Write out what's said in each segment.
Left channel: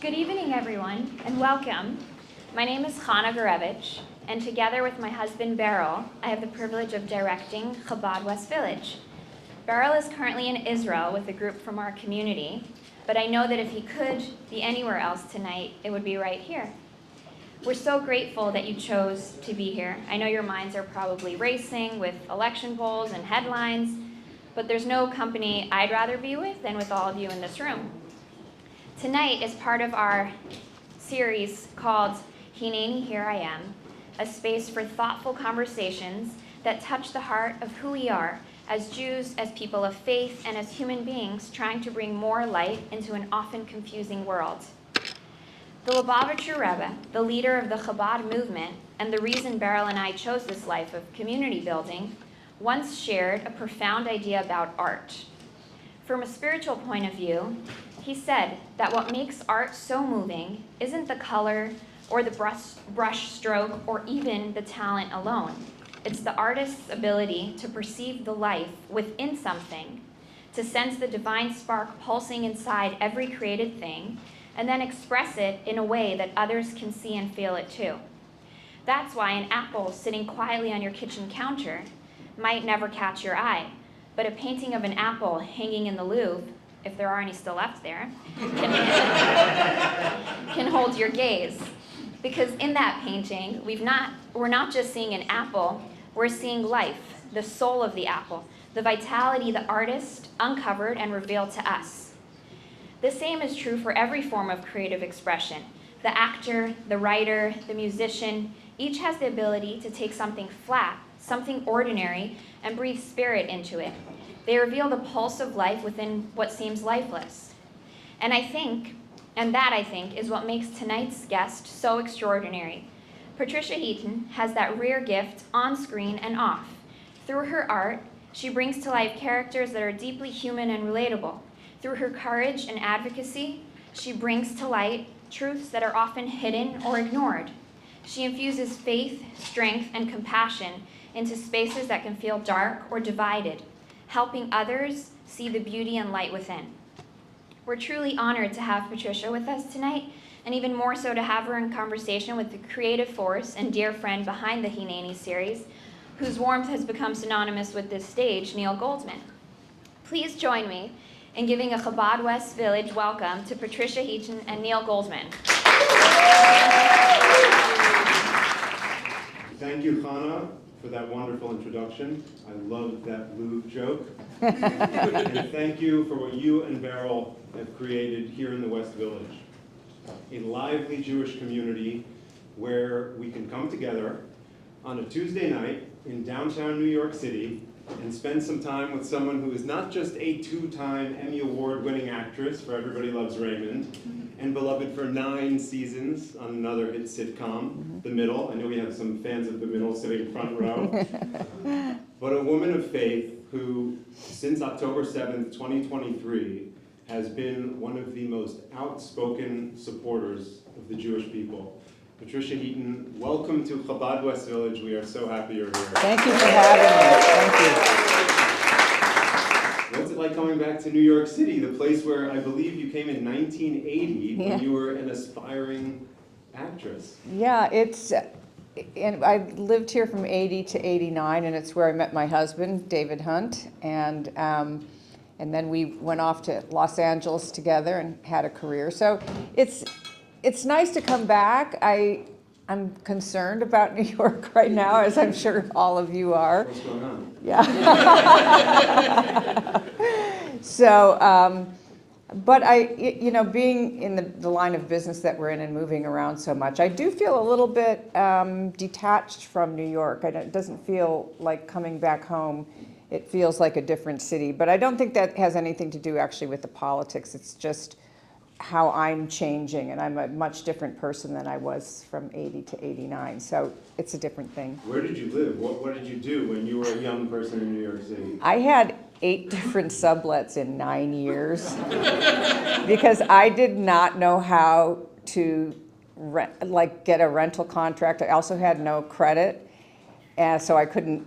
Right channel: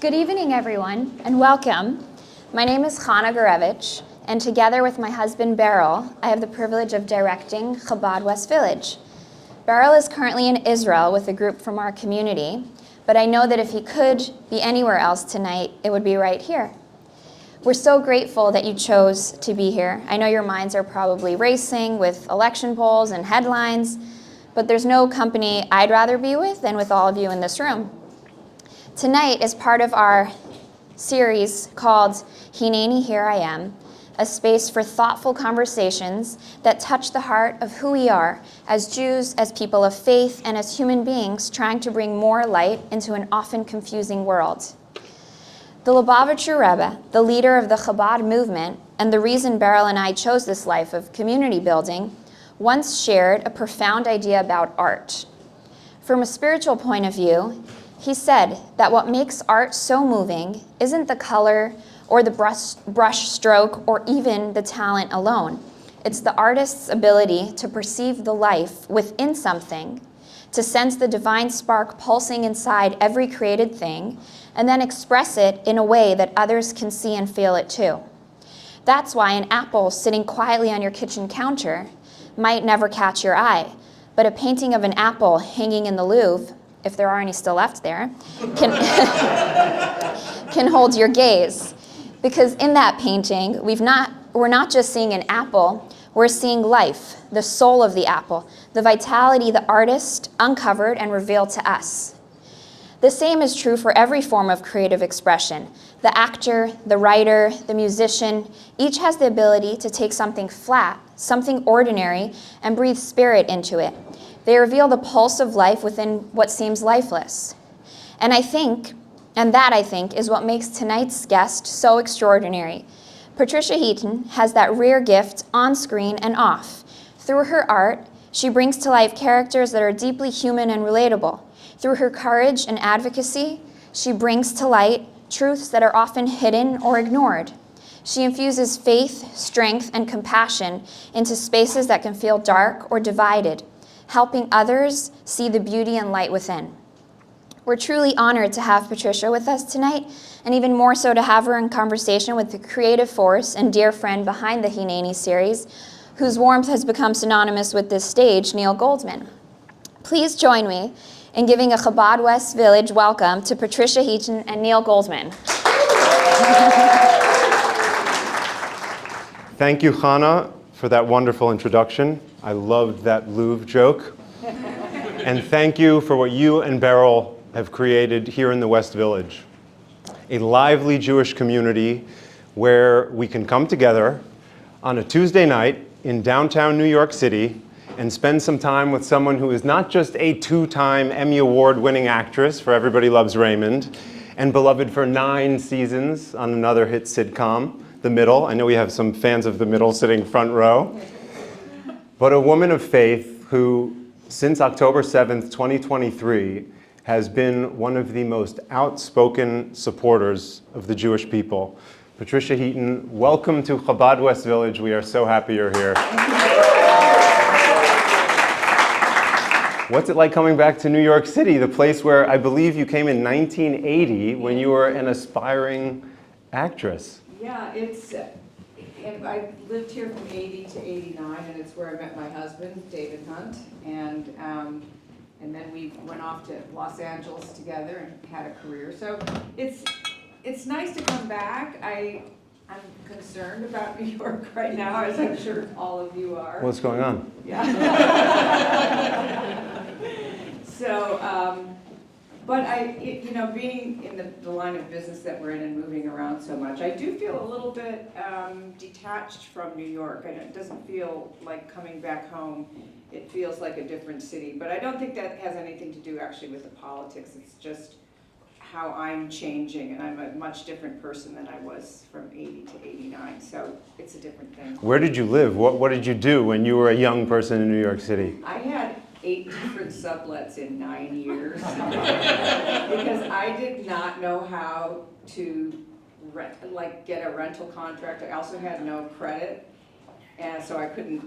Good evening, everyone, and welcome. My name is Chana Gurevich, and together with my husband, Beryl, I have the privilege of directing Chabad West Village. Beryl is currently in Israel with a group from our community, but I know that if he could be anywhere else tonight, it would be right here. We're so grateful that you chose to be here. I know your minds are probably racing with election polls and headlines, but there's no company I'd rather be with than with all of you in this room. Tonight is part of our series called Hineni, Here I Am, a space for thoughtful conversations that touch the heart of who we are as Jews, as people of faith, and as human beings trying to bring more light into an often confusing world. The Lubavitcher Rebbe, the leader of the Chabad movement, and the reason Beryl and I chose this life of community building, once shared a profound idea about art. From a spiritual point of view, he said that what makes art so moving isn't the color or the brush stroke or even the talent alone. It's the artist's ability to perceive the life within something, to sense the divine spark pulsing inside every created thing, and then express it in a way that others can see and feel it too. That's why an apple sitting quietly on your kitchen counter might never catch your eye, but a painting of an apple hanging in the Louvre, if there are any still left there, can hold your gaze. Because in that painting, we're not just seeing an apple, we're seeing life, the soul of the apple, the vitality the artist uncovered and revealed to us. The same is true for every form of creative expression. The actor, the writer, the musician, each has the ability to take something flat, something ordinary, and breathe spirit into it. They reveal the pulse of life within what seems lifeless. And I think, is what makes tonight's guest so extraordinary. Patricia Heaton has that rare gift on screen and off. Through her art, she brings to life characters that are deeply human and relatable. Through her courage and advocacy, she brings to light truths that are often hidden or ignored. She infuses faith, strength, and compassion into spaces that can feel dark or divided, helping others see the beauty and light within. We're truly honored to have Patricia with us tonight, and even more so to have her in conversation with the creative force and dear friend behind the Hineni series, whose warmth has become synonymous with this stage, Neil Goldman. Please join me in giving a Chabad West Village welcome to Patricia Heaton and Neil Goldman. Thank you, Chana, for that wonderful introduction. I loved that Louvre joke. And thank you for what you and Beryl have created here in the West Village. A lively Jewish community where we can come together on a Tuesday night in downtown New York City and spend some time with someone who is not just a two-time Emmy Award-winning actress for Everybody Loves Raymond, and beloved for 9 seasons on another hit sitcom, The Middle. I know we have some fans of The Middle sitting front row. But a woman of faith who, since October 7th, 2023, has been one of the most outspoken supporters of the Jewish people. Patricia Heaton, welcome to Chabad West Village. We are so happy you're here. Thank you for having me. What's it like coming back to New York City, the place where I believe you came in 1980 when you were an aspiring actress? Yeah, and I lived here from 80 to 89, and it's where I met my husband, David Hunt, and then we went off to Los Angeles together and had a career. So it's nice to come back. I'm concerned about New York right now, as I'm sure all of you are. What's going on? Yeah. So, but being in the line of business that we're in and moving around so much, I do feel a little bit detached from New York. It doesn't feel like coming back home. It feels like a different city. But I don't think that has anything to do actually with the politics. It's just how I'm changing, and I'm a much different person than I was from 80 to 89. So it's a different thing. Where did you live? What did you do when you were a young person in New York City? I had 8 different sublets in 9 years because I did not know how to get a rental contract. I also had no credit, so I couldn't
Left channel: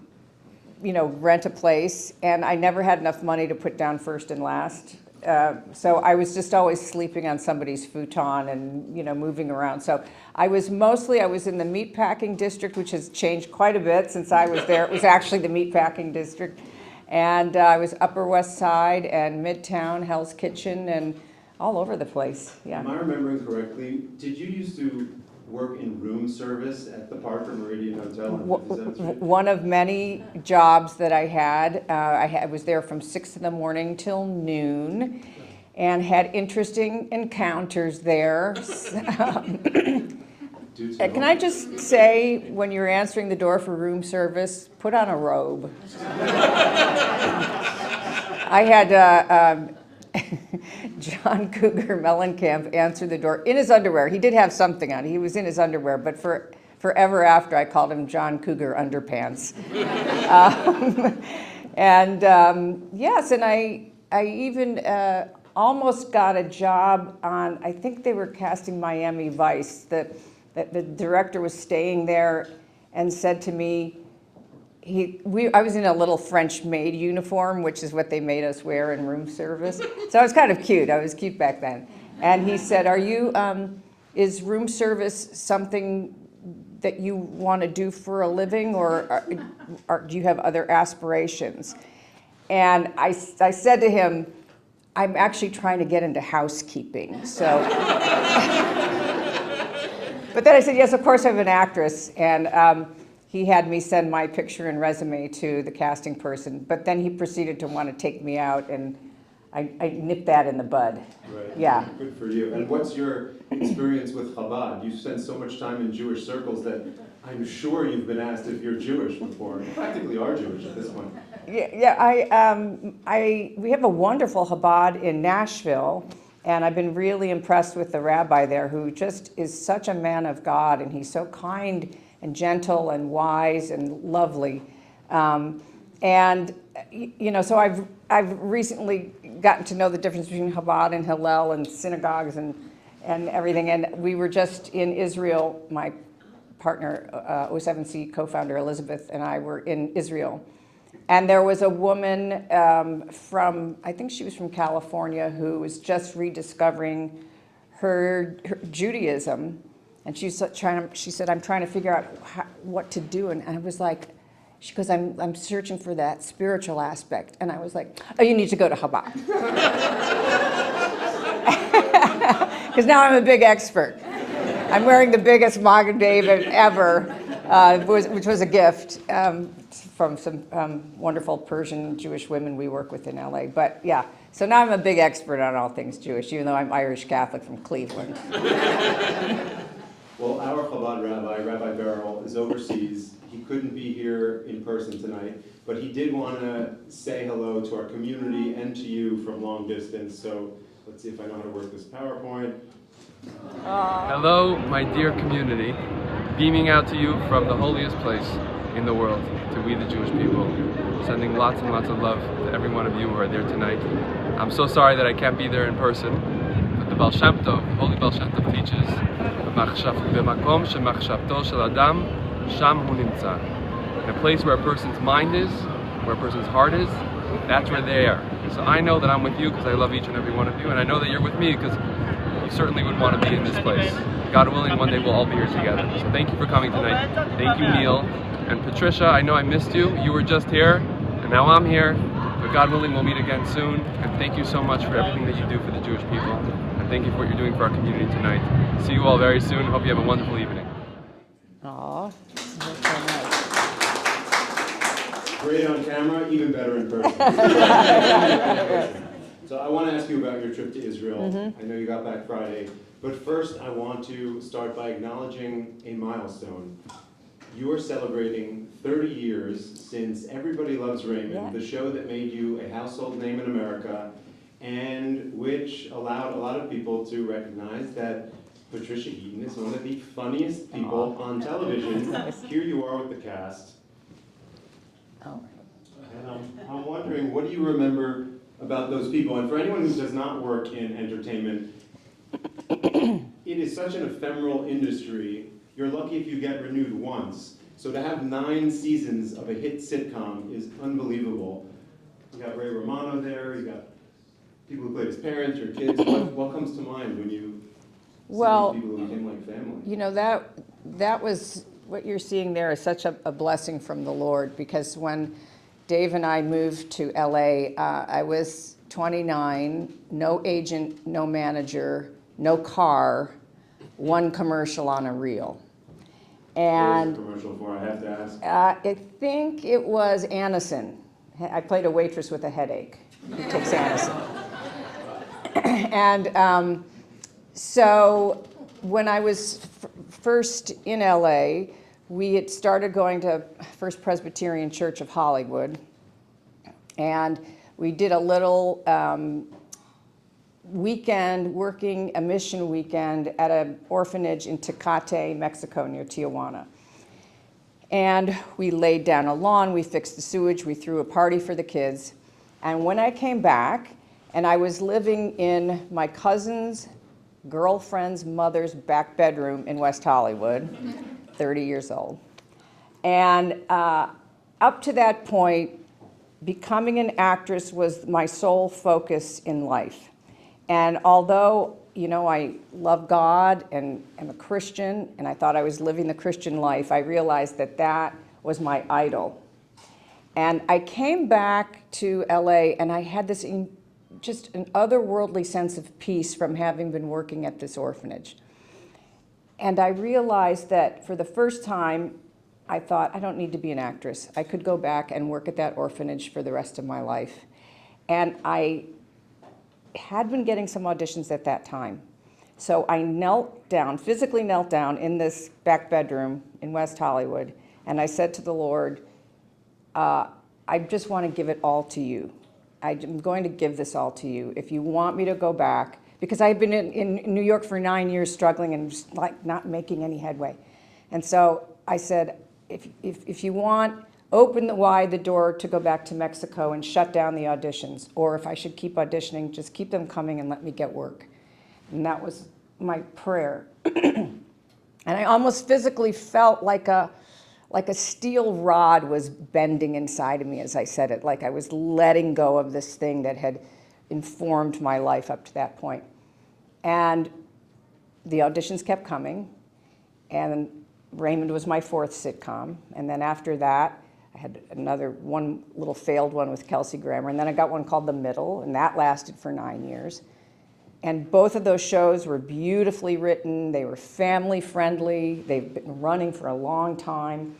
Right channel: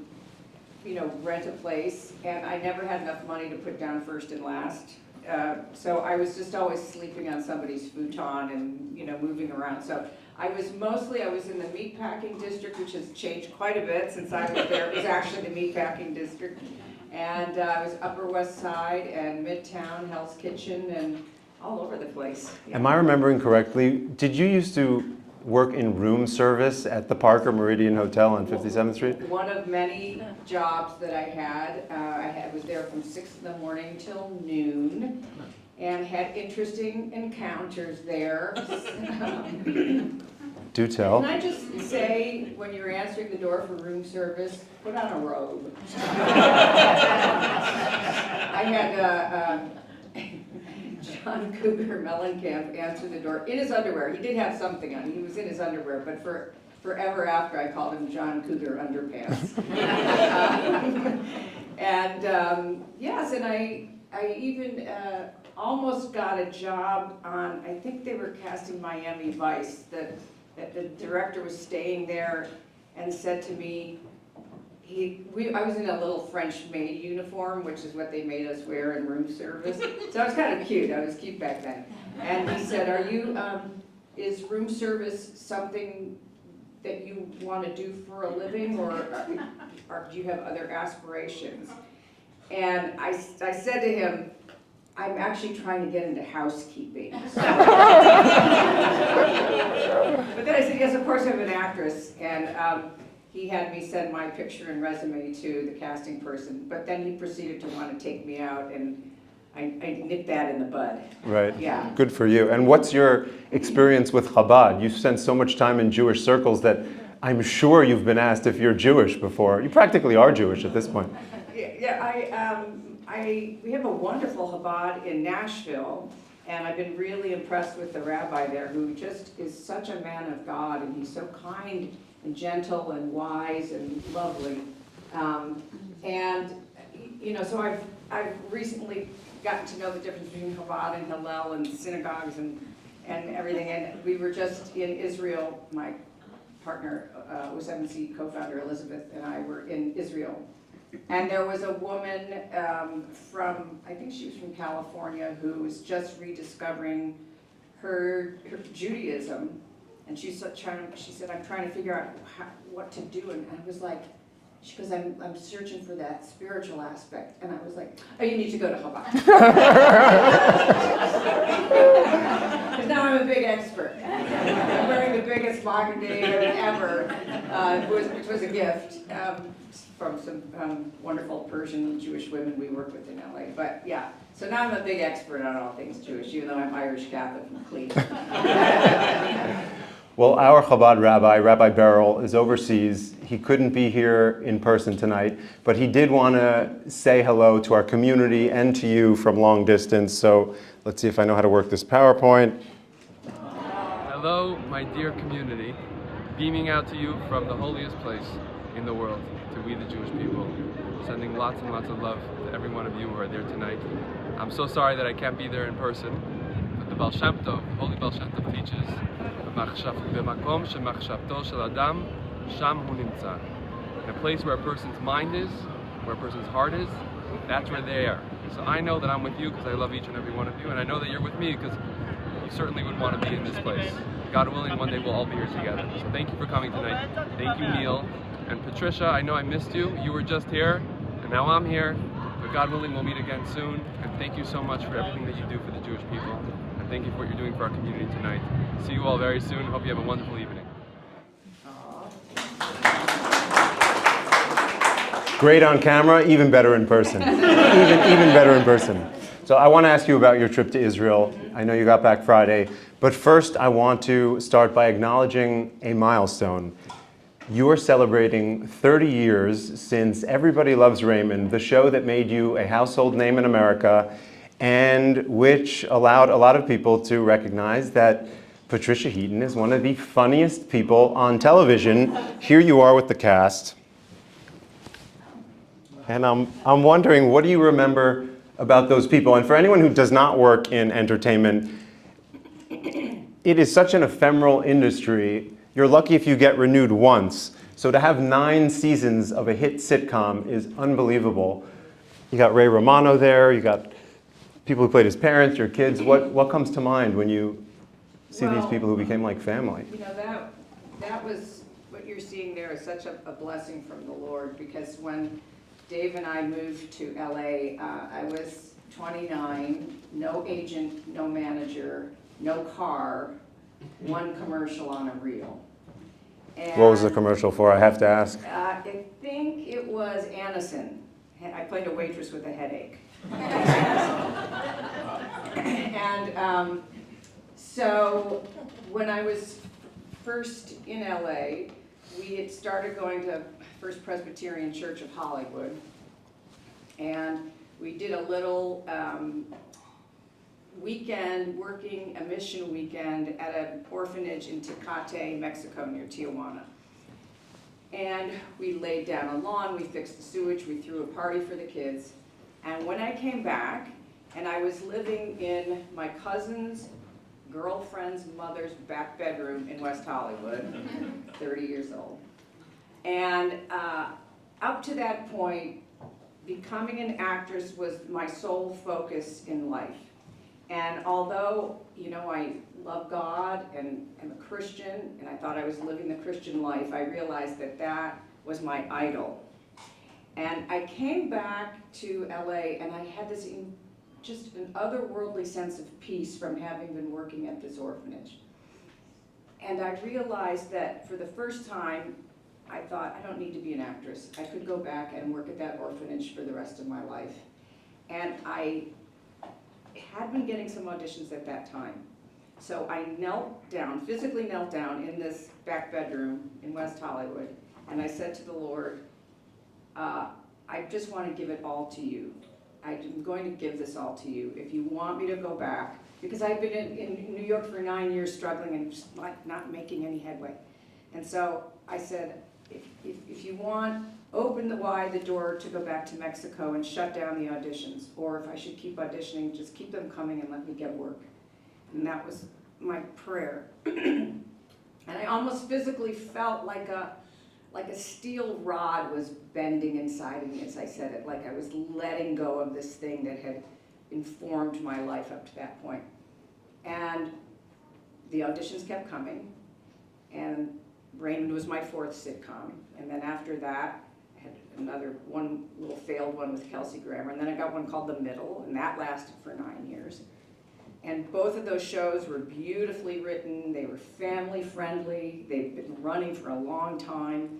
rent a place, and I never had enough money to put down first and last so I was just always sleeping on somebody's futon and, moving around. So I was in the meatpacking district, which has changed quite a bit since I was there. It was actually the meatpacking district. And I was Upper West Side and Midtown, Hell's Kitchen, and all over the place. Yeah. Am I remembering correctly? Did you used to work in room service at the Parker Meridian Hotel on 57th Street? One of many jobs that I had. I was there from 6 in the morning till noon and had interesting encounters there. Do tell. Can I just say, when you're answering the door for room service, put on a robe. I had John Cougar Mellencamp answer the door in his underwear. He did have something on. He was in his underwear, but forever after, I called him John Cougar Underpants. Yes, and I even almost got a job on, I think they were casting Miami Vice, that the director was staying there and said to me, I was in a little French maid uniform, which is what they made us wear in room service. So I was kind of cute. I was cute back then. And he said, is room service something that you want to do for a living, or do you have other aspirations? And I said to him, I'm actually trying to get into housekeeping. So. But then I said, yes, of course I'm an actress. And he had me send my picture and resume to the casting person. But then he proceeded to want to take me out, and I nipped that in the bud. Right. Yeah. Good for you. And what's your experience with Chabad? You've spent so much time in Jewish circles that I'm sure you've been asked if you're Jewish before. You practically are Jewish at this point. Yeah, we have a wonderful Chabad in Nashville, and I've been really impressed with the rabbi there, who just is such a man of God, and he's so kind and gentle and wise and lovely. So I've recently gotten to know the difference between Chabad and Hillel and synagogues and everything. And we were just in Israel. My partner, O7C co-founder Elizabeth, and I were in Israel. And there was a woman I think she was from California, who was just rediscovering her Judaism. And she said, I'm trying to figure out what to do. And I was like, she goes, I'm searching for that spiritual aspect. And I was like, oh, you need to go to Chabad. Because now I'm a big expert. I'm wearing the biggest Magen David ever, which was a gift from some wonderful Persian Jewish women we work with in LA. But yeah, so now I'm a big expert on all things Jewish, even though I'm Irish Catholic from Cleveland. Well, our Chabad rabbi, Rabbi Beryl, is overseas. He couldn't be here in person tonight, but he did want to say hello to our community and to you from long distance. So let's see if I know how to work this PowerPoint. Hello, my dear community, beaming out to you from the holiest place in the world, to we the Jewish people, sending lots and lots of love to every one of you who are there tonight. I'm so sorry that I can't be there in person, but the Baal Shem Tov, Holy Baal Shem Tov teaches, "B'makom shemachshavto shel adam, sham hu nimtza." In a place where a person's mind is, where a person's heart is, that's where they are. So I know that I'm with you because I love each and every one of you, and I know that you're with me because you certainly would want to be in this place. God willing, one day we'll all be here together. So thank you for coming tonight. Thank you, Neil. And Patricia, I know I missed you. You were just here, and now I'm here. But God willing, we'll meet again soon. And thank you so much for everything that you do for the Jewish people. And thank you for what you're doing for our community tonight. See you all very soon. Hope you have a wonderful evening. Aww. Great on camera, even better in person. even better in person. So I want to ask you about your trip to Israel. Mm-hmm. I know you got back Friday. But first, I want to start by acknowledging a milestone. You are celebrating 30 years since Everybody Loves Raymond, the show that made you a household name in America, and which allowed a lot of people to recognize that Patricia Heaton is one of the funniest people on television. Here you are with the cast. And I'm wondering, what do you remember about those people? And for anyone who does not work in entertainment, it is such an ephemeral industry. You're lucky if you get renewed once. So to have 9 seasons of a hit sitcom is unbelievable. You got Ray Romano there, you got people who played his parents, your kids. What comes to mind when you see Well, these people who became like family? You know, that was, what you're seeing there is such a blessing from the Lord, because when Dave and I moved to LA, I was 29, no agent, no manager, no car, one commercial on a reel. And What was the commercial for? I have to ask. I think it was Anacin. I played a waitress with a headache. Takes Anacin. And so when I was first in LA, we had started going to First Presbyterian Church of Hollywood, and we did a little weekend, working a mission weekend at an orphanage in Tecate, Mexico, near Tijuana. And we laid down a lawn, we fixed the sewage, we threw a party for the kids. And when I came back, and I was living in my cousin's girlfriend's mother's back bedroom in West Hollywood, 30 years old. And up to that point, becoming an actress was my sole focus in life. And although, you know, I love God and am a Christian, and I thought I was living the Christian life, I realized that that was my idol. And I came back to LA, and I had this just an otherworldly sense of peace from having been working at this orphanage. And I realized that for the first time, I thought, I don't need to be an actress. I could go back and work at that orphanage for the rest of my life. And I had been getting some auditions at that time. So I knelt down, physically knelt down in this back bedroom in West Hollywood, and I said to the Lord, I just want to give it all to you. I'm going to give this all to you. If you want me to go back, because I had been in New York for 9 years struggling and just like not making any headway. And so I said, if you want, open wide the door to go back to Mexico and shut down the auditions. Or if I should keep auditioning, just keep them coming and let me get work. And that was my prayer. And I almost physically felt like a steel rod was bending inside of me as I said it, like I was letting go of this thing that had informed my life up to that point. And the auditions kept coming, and Raymond was my 4th sitcom, and then after that, I had one little failed one with Kelsey Grammer, and then I got one called The Middle, and that lasted for 9 years. And both of those shows were beautifully written, they were family friendly, they've been running for a long time.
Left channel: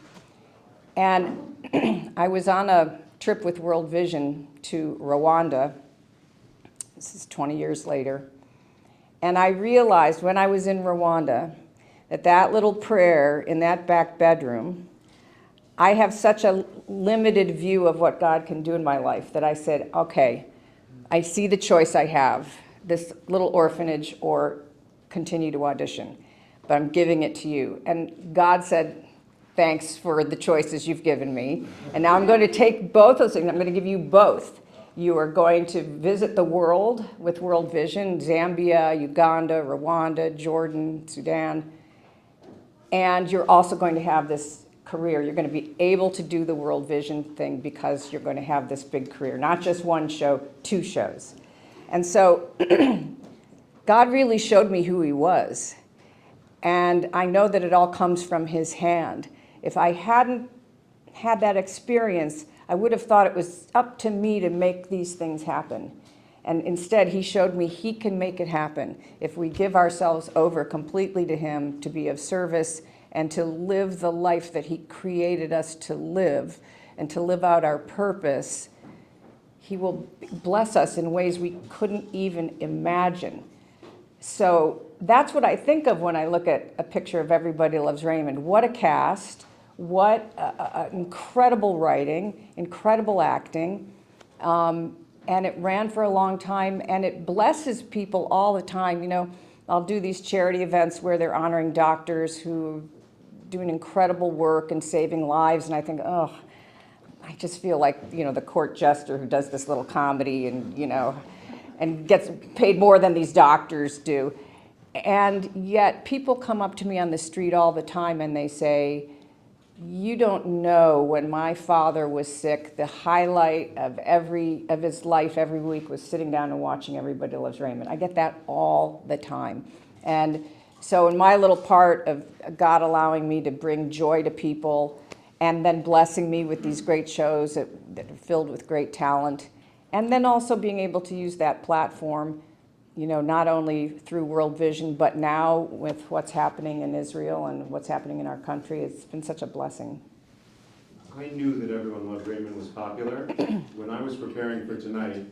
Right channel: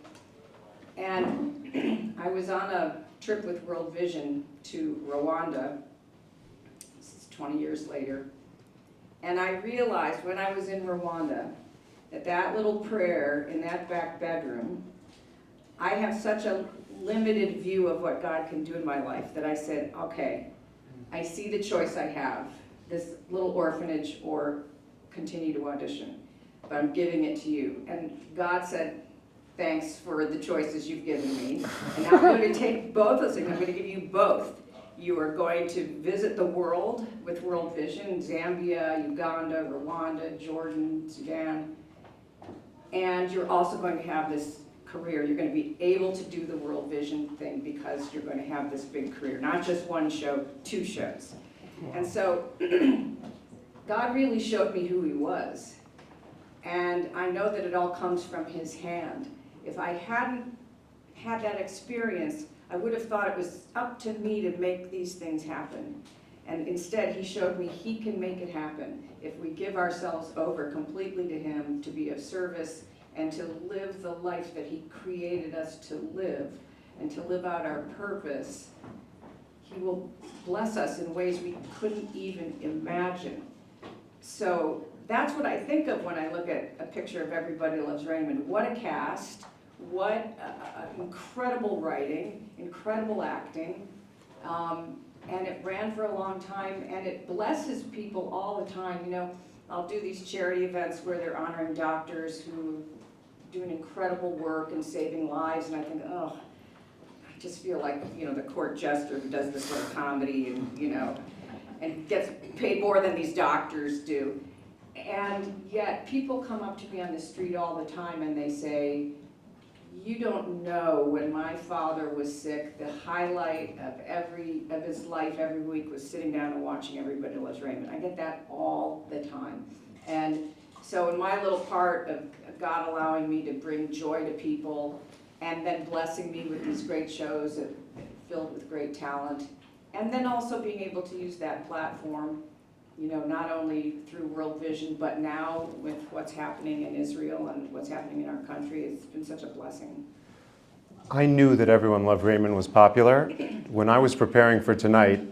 And I was on a trip with World Vision to Rwanda, this is 20 years later, and I realized when I was in Rwanda that little prayer in that back bedroom, I have such a limited view of what God can do in my life that I said, okay, I see the choice I have, this little orphanage or continue to audition, but I'm giving it to you. And God said, thanks for the choices you've given me. And now I'm going to take both those things. I'm going to give you both. You are going to visit the world with World Vision, Zambia, Uganda, Rwanda, Jordan, Sudan. And you're also going to have this career. You're going to be able to do the World Vision thing because you're going to have this big career. Not just one show, 2 shows. And so God really showed me who he was. And I know that it all comes from his hand. If I hadn't had that experience, I would have thought it was up to me to make these things happen. And instead, he showed me he can make it happen if we give ourselves over completely to him to be of service and to live the life that he created us to live and to live out our purpose. He will bless us in ways we couldn't even imagine. So that's what I think of when I look at a picture of Everybody Loves Raymond. What a cast, what incredible writing, incredible acting. And it ran for a long time, and it blesses people all the time. You know, I'll do these charity events where they're honoring doctors who do an incredible work and saving lives, and I think, oh, I just feel like, you know, the court jester who does this little comedy and, you know, and gets paid more than these doctors do. And yet people come up to me on the street all the time and they say, you don't know, when my father was sick, the highlight of his life every week was sitting down and watching Everybody Loves Raymond. I get that all the time. And so in my little part of God allowing me to bring joy to people and then blessing me with these great shows that are filled with great talent, and then also being able to use that platform, you know, not only through World Vision, but now with what's happening in Israel and what's happening in our country, it's been such a blessing. I knew that Everyone Loved Raymond was popular. When I was preparing for tonight,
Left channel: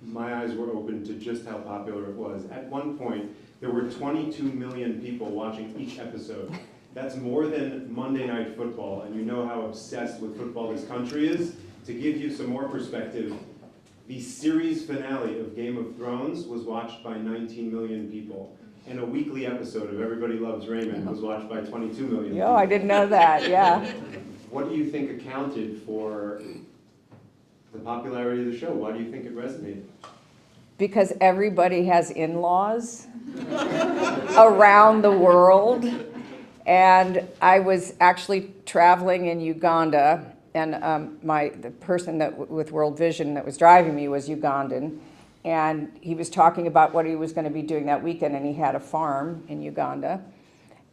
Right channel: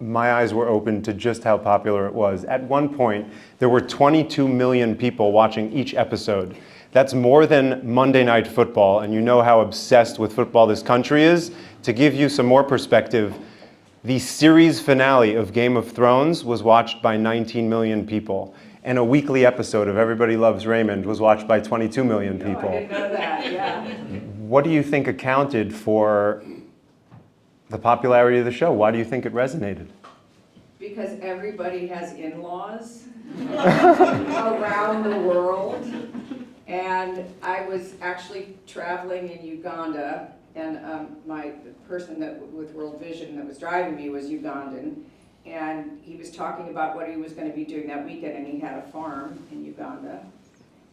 my eyes were open to just how popular it was. At one point, there were 22 million people watching each episode. That's more than Monday Night Football, and you know how obsessed with football this country is. To give you some more perspective, the series finale of Game of Thrones was watched by 19 million people, and a weekly episode of Everybody Loves Raymond was watched by 22 million people. Oh, I didn't know that, yeah. What do you think accounted for the popularity of the show? Why do you think it resonated? Because everybody has in-laws around the world. And I was actually traveling in Uganda, and the person with World Vision that was driving me was Ugandan, and he was talking about what he was going to be doing that weekend, and he had a farm in Uganda.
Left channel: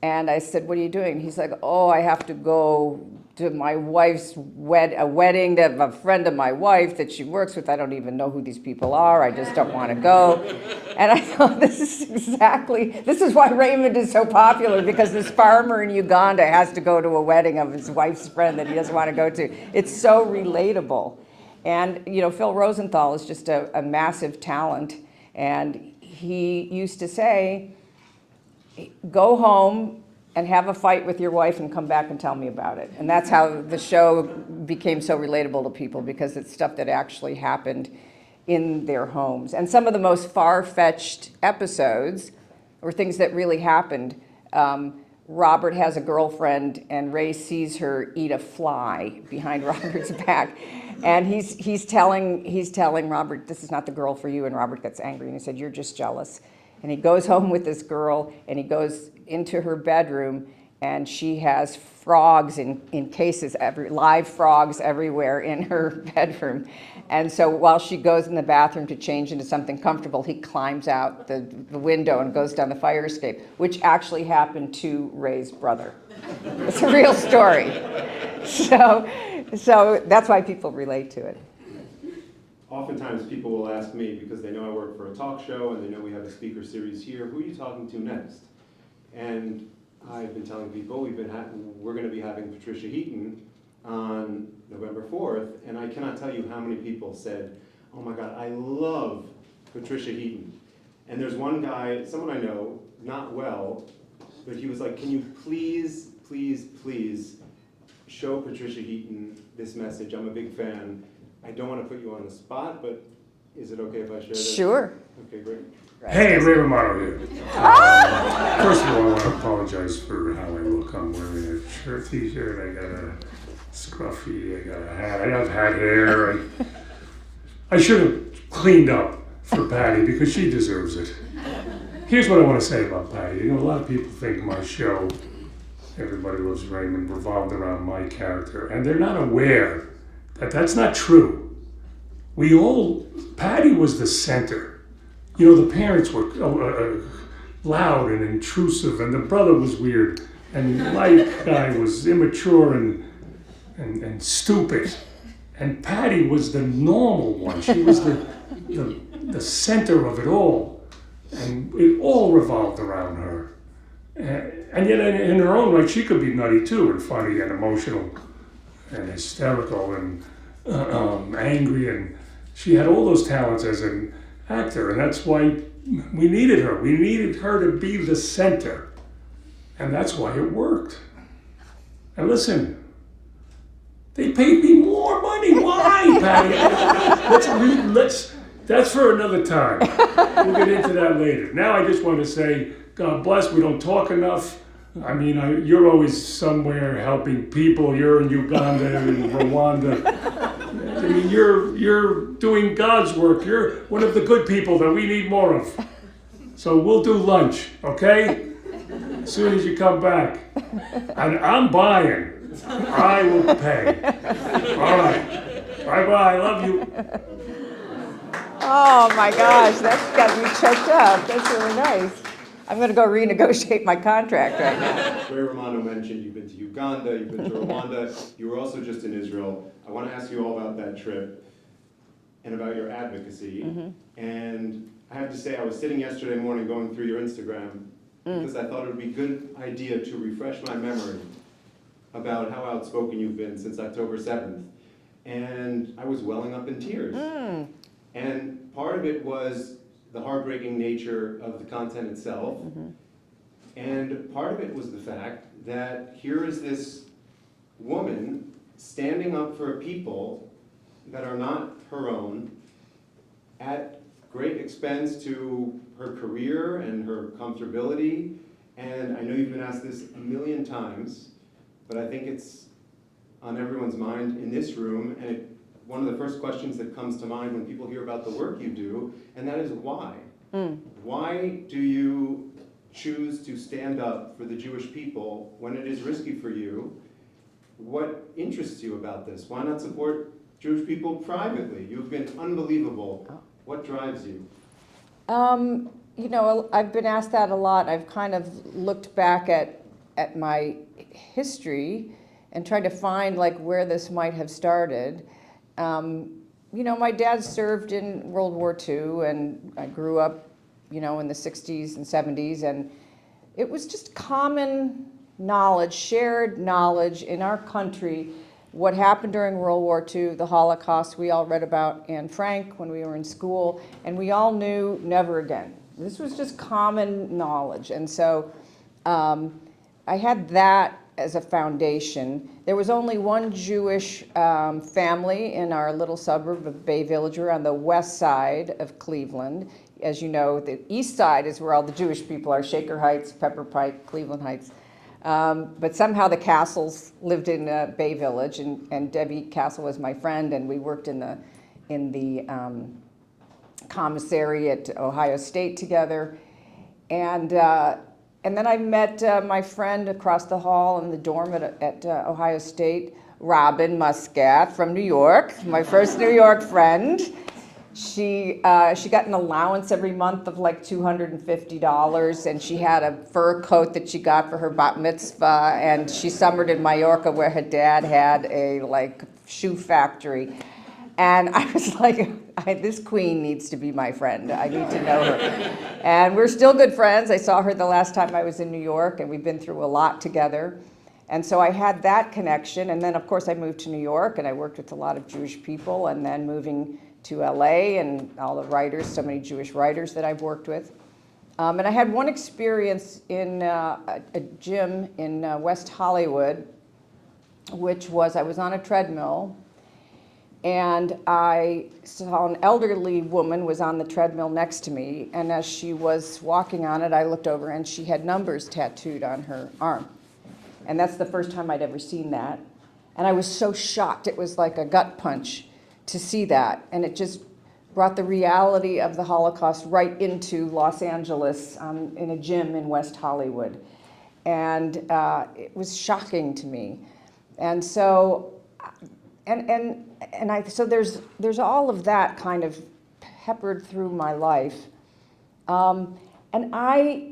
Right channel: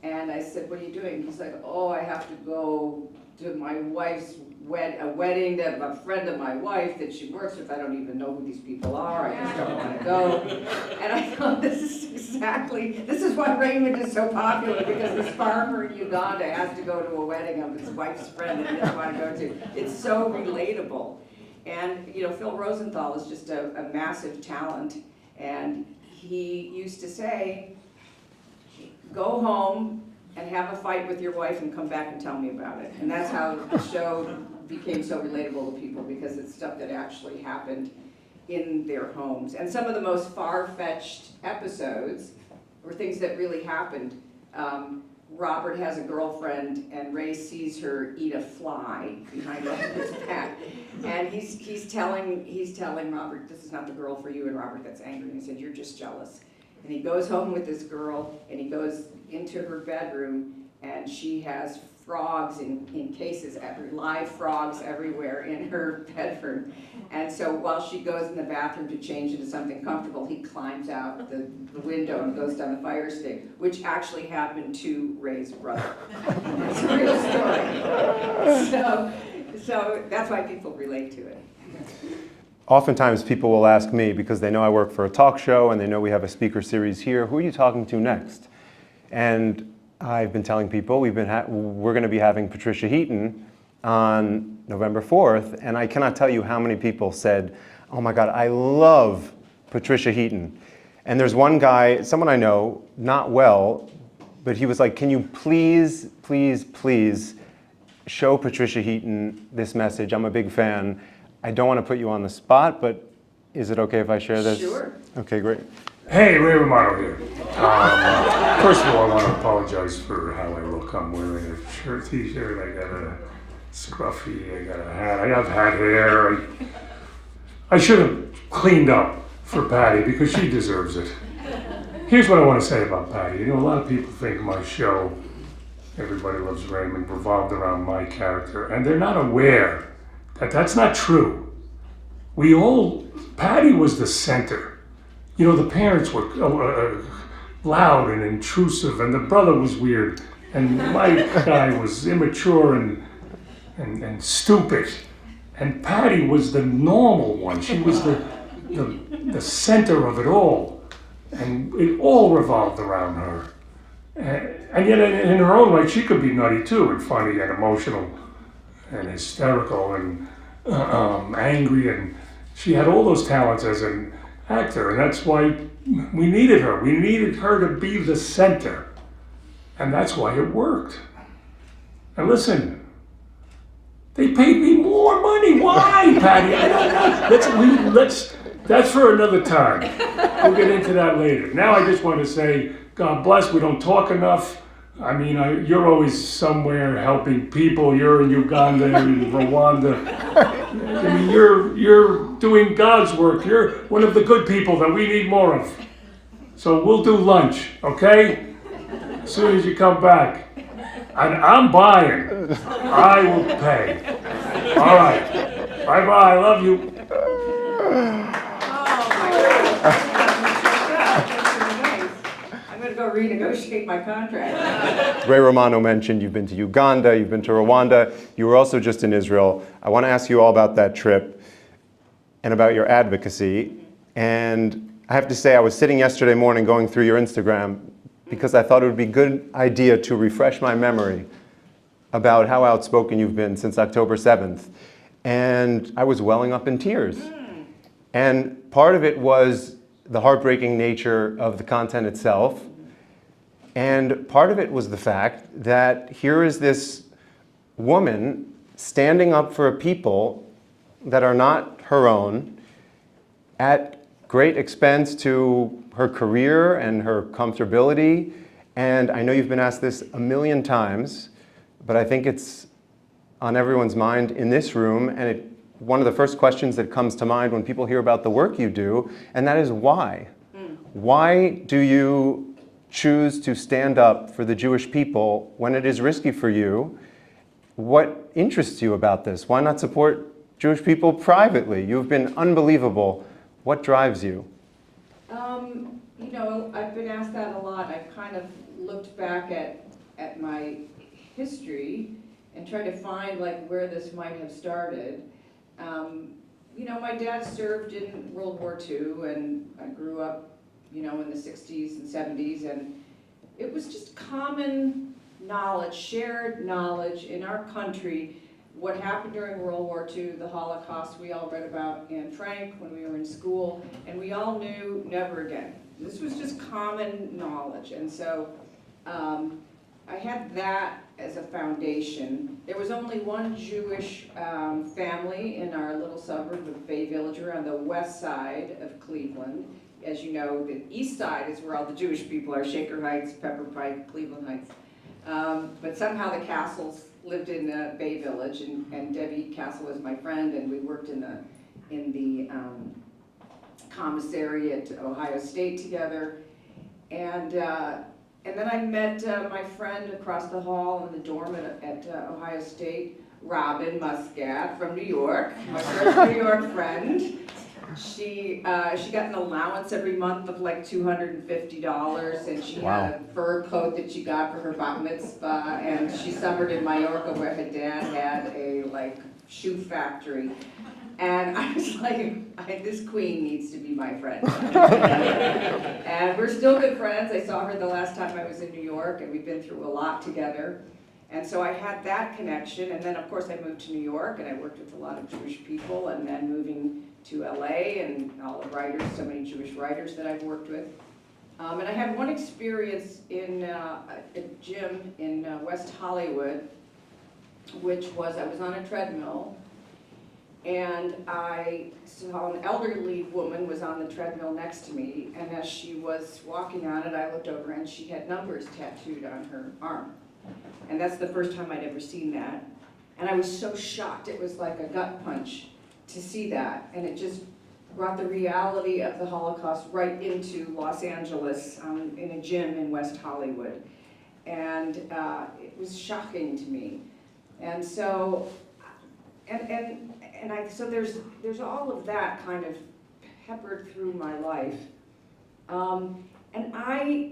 And I said, "What are you doing?" He's like, "Oh, I have to go to my wife's wedding to a friend of my wife that she works with. I don't even know who these people are. I just don't want to go." And I thought, this is why Raymond is so popular, because this farmer in Uganda has to go to a wedding of his wife's friend that he doesn't want to go to. It's so relatable. And, you know, Phil Rosenthal is just a massive talent. And he used to say, "Go home and have a fight with your wife and come back and tell me about it." And that's how the show became so relatable to people, because it's stuff that actually happened in their homes. And some of the most far-fetched episodes were things that really happened. Robert has a girlfriend, and Ray sees her eat a fly behind Robert's back. And he's telling Robert, "This is not the girl for you." And Robert gets angry, and he said, "You're just jealous." And he goes home with this girl, and he goes into her bedroom, and she has frogs in cases, live frogs everywhere in her bedroom. And so while she goes in the bathroom to change into something comfortable, he climbs out the window and goes down the fire escape, which actually happened to Ray's brother. It's a real story. So that's why people relate to it. Oftentimes people will ask me, because they know I work for a talk show and they know we have a speaker series here, "Who are you talking to next?" And I've been telling people we're going to be having Patricia Heaton on November 4th, and I cannot tell you how many people said, "Oh my God, I love Patricia Heaton." And there's one guy, someone I know, not well, but he was like, "Can you please, please, please show Patricia Heaton this message? I'm a big fan. I don't want to put you on the spot, but is it okay if I share this?" Sure. Okay, great. Hey, Ray Romano here. First of all, I want to apologize for how I look. I'm wearing a t-shirt, I got a scruffy, I got a hat, I have hat hair. I should have cleaned up for Patty, because she deserves it. Here's what I want to say about Patty. You know, a lot of people think my show, Everybody Loves Raymond, revolved around my character, and they're not aware that that's not true. Patty was the center. You know, the parents were loud and intrusive, and the brother was weird, and my guy was immature and stupid. And Patty was the normal one. She was the center of it all, and it all revolved around her. And yet, in her own right, she could be nutty too, and funny and emotional and hysterical and angry, and she had all those talents as an actor, and that's why we needed her. We needed her to be the center, and that's why it worked. And listen, they paid me more money. Why, Patty? I don't know. That's for another time. We'll get into that later. Now I just want to say, God bless. We don't talk enough. I mean, you're always somewhere helping people. You're in Uganda and Rwanda. I mean, you're doing God's work. You're one of the good people that we need more of. So we'll do lunch, okay? as soon as you come back. And I'm buying. I will pay. All right. Bye-bye. Love you. Oh my gosh, that's got me choked up. That's really nice. I'm going to go renegotiate my contract. Ray Romano mentioned you've been to Uganda, you've been to Rwanda, you were also just in Israel. I want to ask you all about that trip and about your advocacy. And I have to say, I was sitting yesterday morning going through your Instagram because I thought it would be a good idea to refresh my memory about how outspoken you've been since October 7th. And I was welling up in tears. And part of it was the heartbreaking nature of the content itself. And part of it was the fact that here is this woman standing up for a people that are not her own at great expense to her career and her comfortability. And I know you've been asked this a million times, but I think it's on everyone's mind in this room, and one of the first questions that comes to mind when people hear about the work you do, and that is why? Why do you choose to stand up for the Jewish people when it is risky for you? What interests you about this? Why not support Jewish people privately? You've been unbelievable. What drives you? You know, I've been asked that a lot. I've kind of looked back at my history and tried to find like where this might have started. You know, my dad served in World War II, and I grew up, you know, in the 60s and 70s, and it was just common knowledge, shared knowledge in our country, what happened during World War II, the Holocaust. We all read about Anne Frank when we were in school, and we all knew never again. This was just common knowledge, and so I had that as a foundation. There was only one Jewish family in our little suburb of Bay Village. We're on the west side of Cleveland. As you know, the east side is where all the Jewish people are, Shaker Heights, Pepper Pike, Cleveland Heights. But somehow the Castles lived in Bay Village, and Debbie Castle was my friend, and we worked in the commissary at Ohio State together. And then I met my friend across the hall in the dorm at Ohio State, Robin Muscat from New York, my first New York friend. She got an allowance every month of like $250, and she had a fur coat that she got for her bat mitzvah, and she summered in Mallorca where her dad had a like shoe factory. And I was like, this queen needs to be my friend. I need to know her. And we're still good friends. I saw her the last time I was in New York, and we've been through a lot together. And so I had that connection. And then, of course, I moved to New York, and I worked with a lot of Jewish people. And then moving to LA, and all the writers, so many Jewish writers that I've worked with. And I had one experience in a gym in West Hollywood, which was I was on a treadmill, and I saw an elderly woman was on the treadmill next to me, and as she was walking on it, I looked over, and she had numbers tattooed on her arm. And that's the first time I'd ever seen that. And I was so shocked. It was like a gut punch to see that. And it just brought the reality of the Holocaust right into Los Angeles in a gym in West Hollywood. And it was shocking to me. And so, so there's all of that kind of peppered through my life. And I,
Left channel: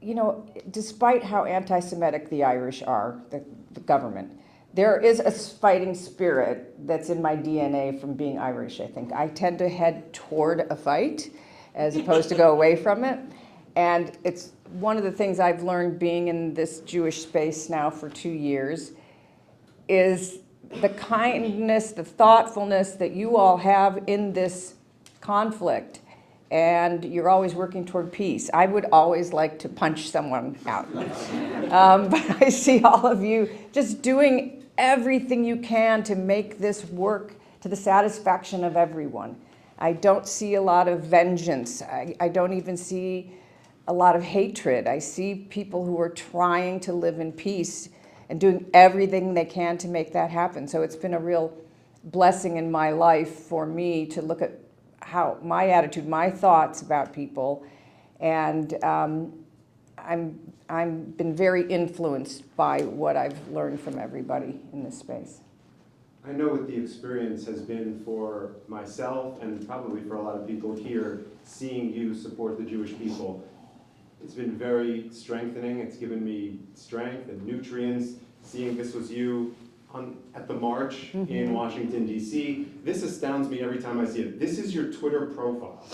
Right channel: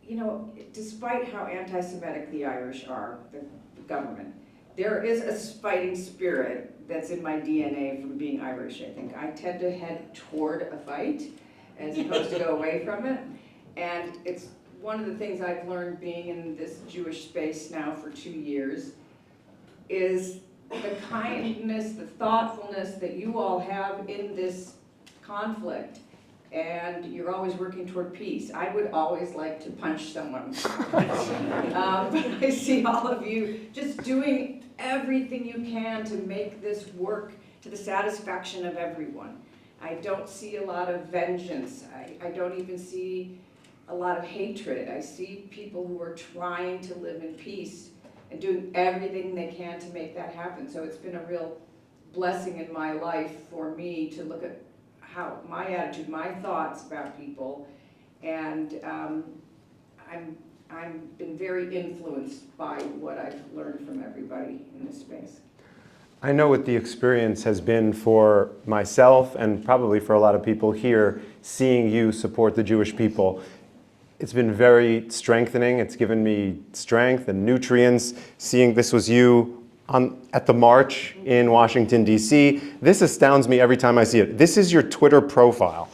you know, despite how anti-Semitic the Irish are, the government, there is a fighting spirit that's in my DNA from being Irish, I think. I tend to head toward a fight as opposed to go away from it. And it's one of the things I've learned being in this Jewish space now for 2 years is the kindness, the thoughtfulness that you all have in this conflict. And you're always working toward peace. I would always like to punch someone out. But I see all of you just doing everything you can to make this work to the satisfaction of everyone. I don't see a lot of vengeance. I don't even see a lot of hatred. I see people who are trying to live in peace and doing everything they can to make that happen. So it's been a real blessing in my life for me to look at how my attitude, my thoughts about people, and I'm I've been very influenced by what I've learned from everybody in this space. I know what the experience has been for myself and probably for a lot of people here, seeing you support the Jewish people. It's been very strengthening. It's given me strength and nutrients. Seeing this was you at the march in Washington, D.C. This astounds me every time I see it. This is your Twitter profile.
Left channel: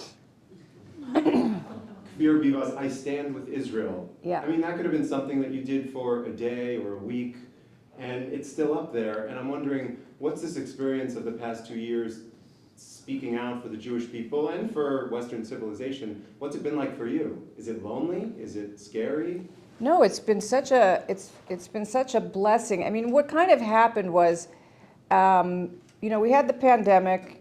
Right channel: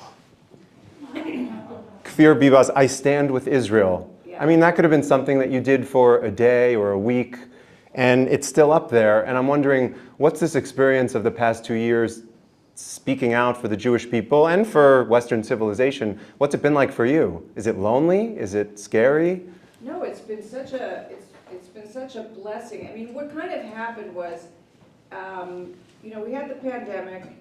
Kfir Bibas, I stand with Israel. Yeah. I mean, that could have been something that you did for a day or a week, and it's still up there. And I'm wondering, what's this experience of the past 2 years speaking out for the Jewish people and for Western civilization? What's it been like for you? Is it lonely? Is it scary? No, it's been such a blessing. I mean, what kind of happened was, we had the pandemic,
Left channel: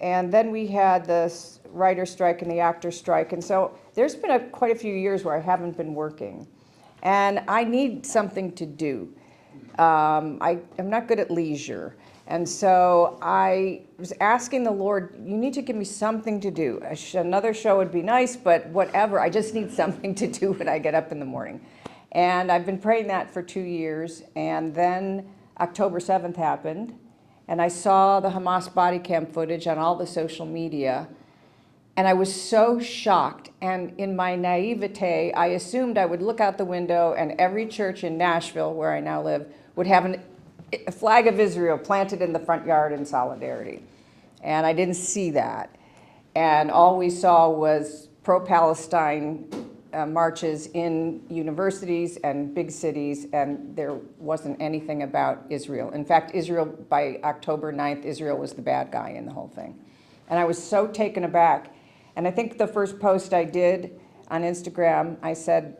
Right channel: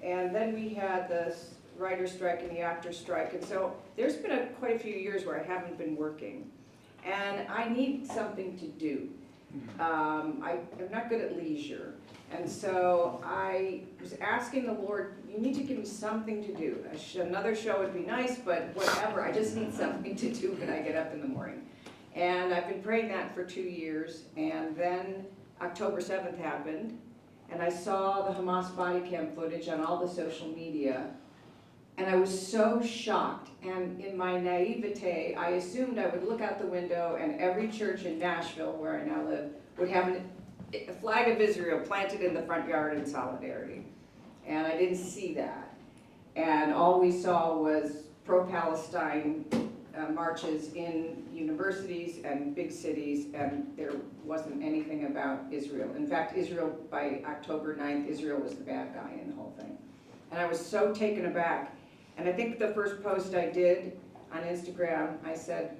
and then we had the writer strike and the actor strike, and so there's been quite a few years where I haven't been working, and I need something to do. I'm not good at leisure. And so I was asking the Lord, you need to give me something to do. Another show would be nice, but whatever. I just need something to do when I get up in the morning. And I've been praying that for 2 years. And then October 7th happened. And I saw the Hamas body cam footage on all the social media. And I was so shocked. And in my naivete, I assumed I would look out the window and every church in Nashville, where I now live, would have a flag of Israel planted in the front yard in solidarity. And I didn't see that. And all we saw was pro-Palestine marches in universities and big cities, and there wasn't anything about Israel. In fact, Israel, by October 9th, Israel was the bad guy in the whole thing. And I was so taken aback. And I think the first post I did on Instagram, I said,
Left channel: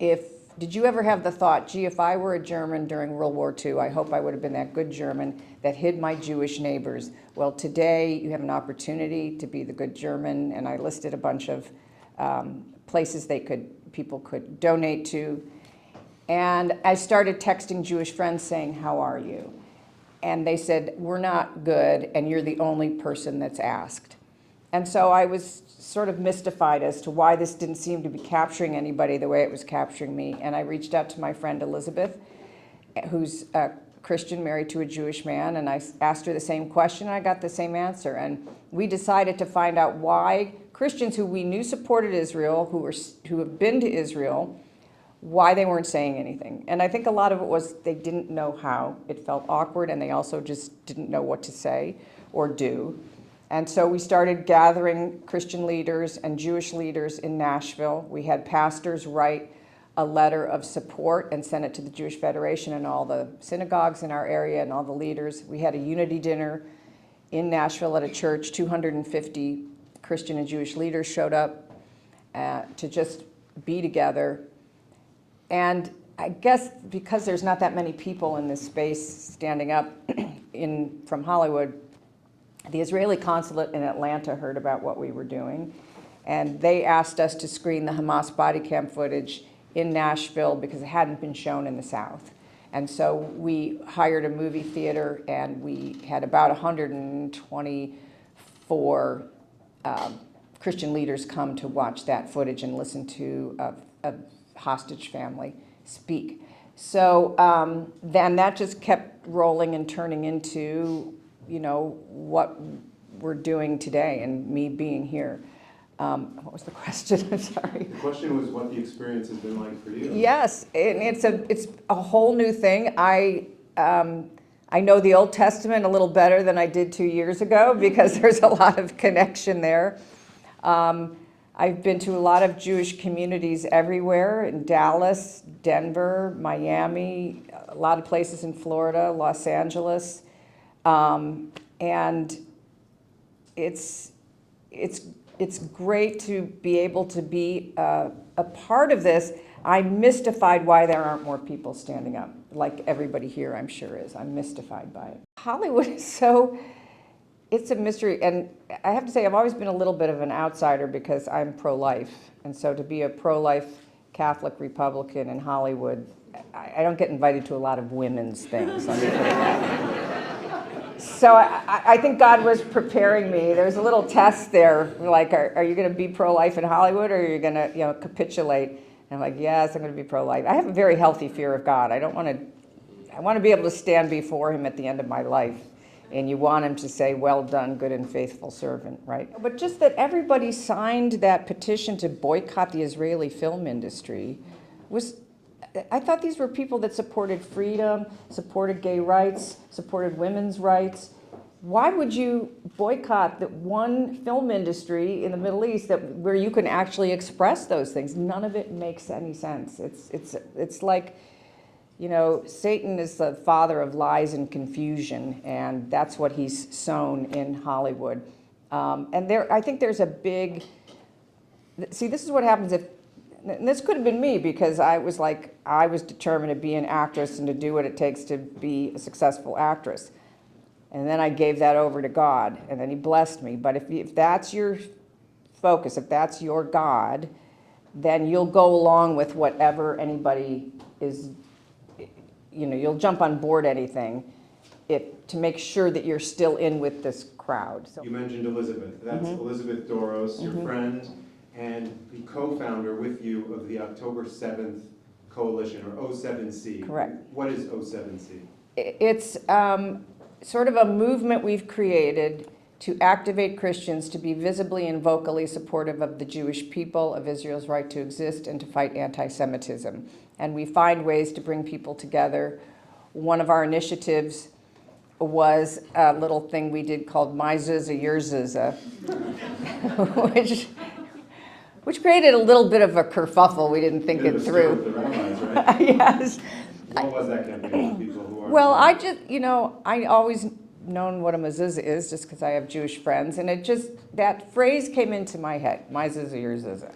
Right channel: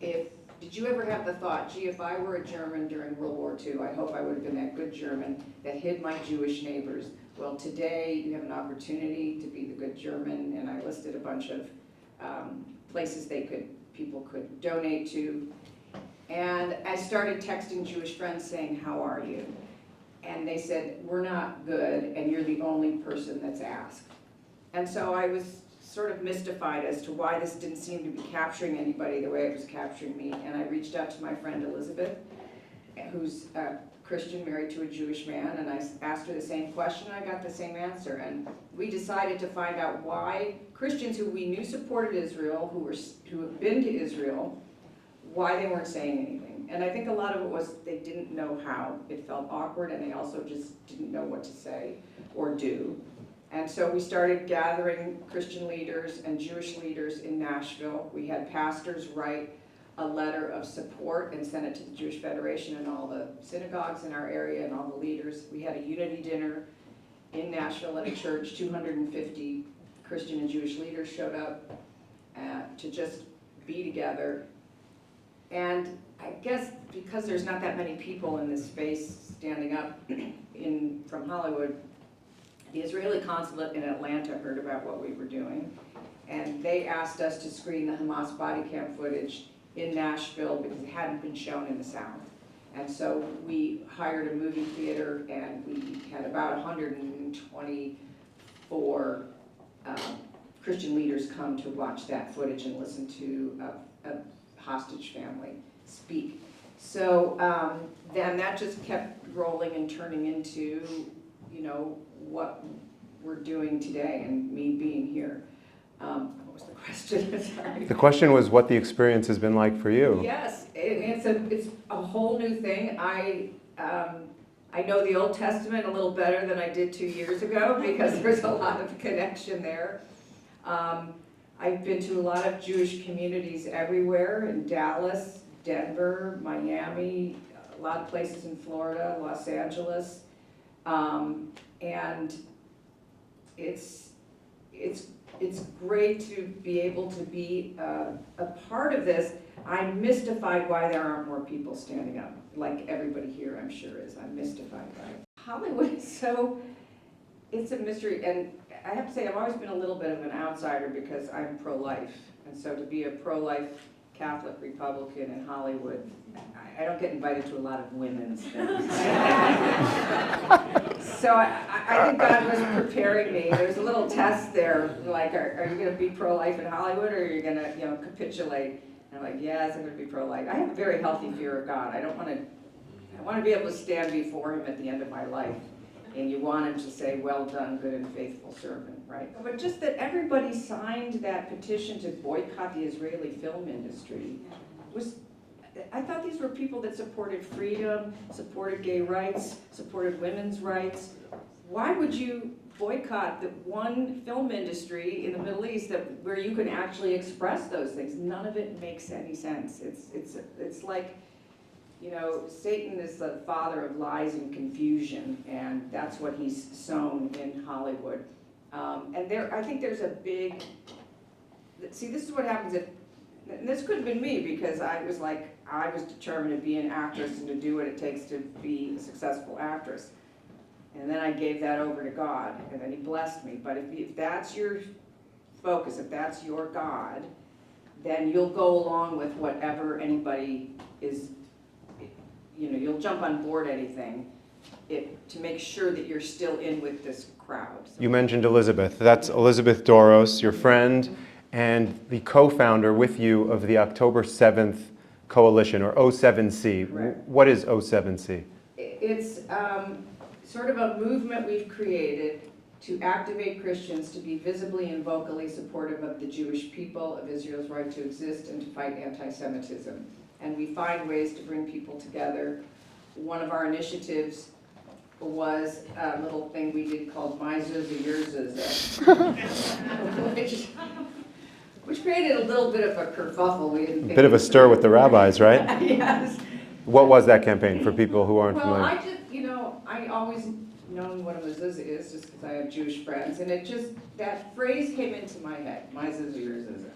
did you ever have the thought, gee, if I were a German during World War II, I hope I would have been that good German that hid my Jewish neighbors. Well, today you have an opportunity to be the good German, and I listed a bunch of places people could donate to. And I started texting Jewish friends saying, how are you? And they said, we're not good, and you're the only person that's asked. And so I was sort of mystified as to why this didn't seem to be capturing anybody the way it was capturing me. And I reached out to my friend Elizabeth, who's a Christian married to a Jewish man, and I asked her the same question, and I got the same answer. And we decided to find out why Christians who we knew supported Israel, who have been to Israel, why they weren't saying anything. And I think a lot of it was they didn't know how. It felt awkward, and they also just didn't know what to say or do. And so we started gathering Christian leaders and Jewish leaders in Nashville. We had pastors write a letter of support and send it to the Jewish Federation and all the synagogues in our area and all the leaders. We had a unity dinner in Nashville at a church. 250 Christian and Jewish leaders showed up to just be together. And I guess because there's not that many people in this space standing up from Hollywood, the Israeli consulate in Atlanta heard about what we were doing, and they asked us to screen the Hamas body cam footage in Nashville because it hadn't been shown in the South. And so we hired a movie theater, and we had about 124 Christian leaders come to watch that footage and listen to a hostage family speak. So then that just kept rolling and turning into what we're doing today and me being here. What was the question? I'm sorry. The question was what the experience has been like for you. Yes, it's a whole new thing. I know the Old Testament a little better than I did 2 years ago because there's a lot of connection there. I've been to a lot of Jewish communities everywhere, in Dallas, Denver, Miami, a lot of places in Florida, Los Angeles. And it's great to be able to be a part of this. I'm mystified why there aren't more people standing up, like everybody here I'm sure is. I'm mystified by it. Hollywood is it's a mystery, and I have to say I've always been a little bit of an outsider because I'm pro-life, and so to be a pro-life Catholic Republican in Hollywood, I don't get invited to a lot of women's things. So I think God was preparing me. There's a little test there, like, are you going to be pro-life in Hollywood, or are you going to, capitulate? And I'm like, yes, I'm going to be pro-life. I have a very healthy fear of God. I want to be able to stand before him at the end of my life. And you want him to say, well done, good and faithful servant, right? But just that everybody signed that petition to boycott the Israeli film industry I thought these were people that supported freedom, supported gay rights, supported women's rights. Why would you boycott the one film industry in the Middle East where you can actually express those things? None of it makes any sense. It's like, you know, Satan is the father of lies and confusion, and that's what he's sown in Hollywood. I think there's a big, see, this is what happens and this could have been me, because I was determined to be an actress and to do what it takes to be a successful actress. And then I gave that over to God, and then he blessed me. But if that's your focus, if that's your God, then you'll go along with whatever anybody is, you know, you'll jump on board anything to make sure that you're still in with this crowd. So You mentioned Elizabeth. That's Elizabeth Doros, your friend, and the co-founder with you of the October 7th Coalition, or O7C. Correct. What is O7C? It's sort of a movement we've created to activate Christians to be visibly and vocally supportive of the Jewish people, of Israel's right to exist, and to fight anti-Semitism. And we find ways to bring people together. One of our initiatives was a little thing we did called My Zuzah, Your Zuzah, which created a little bit of a kerfuffle. We didn't think A bit of a stir with the rabbis, right? Yes. What was that campaign for people who aren't Well, familiar? I always known what a mezuzah is just because I have Jewish friends, and that phrase came into my head, my zuzah, your zuzah.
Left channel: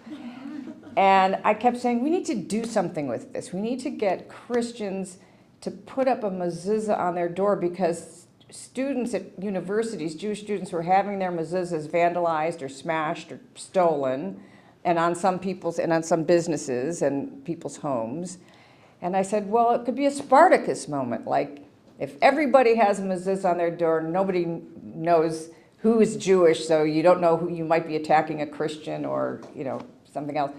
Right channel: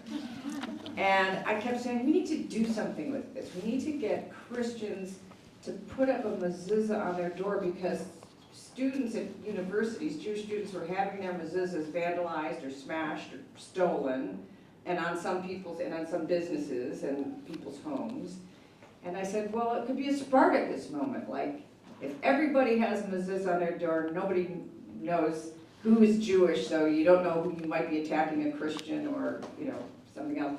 And I kept saying, we need to do something with this. We need to get Christians to put up a mezuzah on their door, because students at universities, Jewish students, were having their mezuzahs vandalized or smashed or stolen, and on some businesses and people's homes. And I said, well, it could be a Spartacus moment. Like, if everybody has a mezuzah on their door, nobody knows who is Jewish, so you don't know who you might be attacking, a Christian or, you know, something else.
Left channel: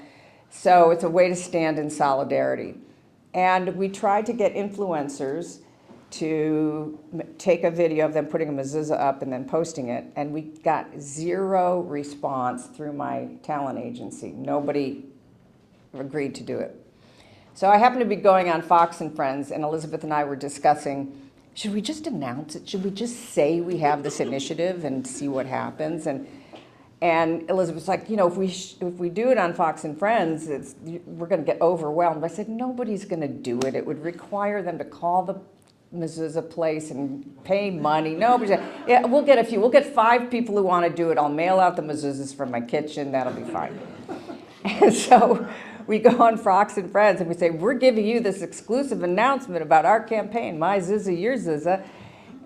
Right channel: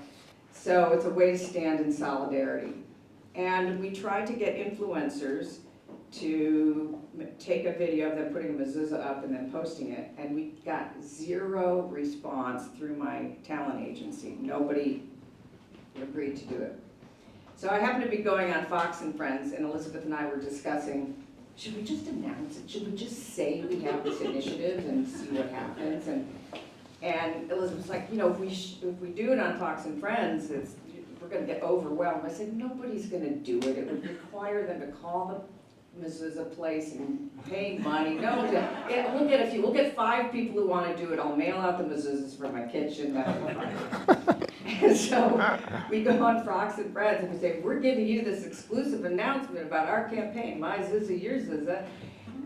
So it's a way to stand in solidarity. And we tried to get influencers to take a video of them putting a mezuzah up and then posting it, and we got zero response through my talent agency. Nobody agreed to do it. So I happened to be going on Fox and Friends, and Elizabeth and I were discussing, should we just announce it? Should we just say we have this initiative and see what happens? And Elizabeth's like, you know, if we do it on Fox and Friends, we're going to get overwhelmed. I said, nobody's going to do it. It would require them to call the mezuzah place and pay money. Yeah, we'll get a few. We'll get 5 people who want to do it. I'll mail out the mezuzahs from my kitchen. That'll be fine. And so we go on Fox and Friends and we say, we're giving you this exclusive announcement about our campaign, My Zuzah, Your Zuzah.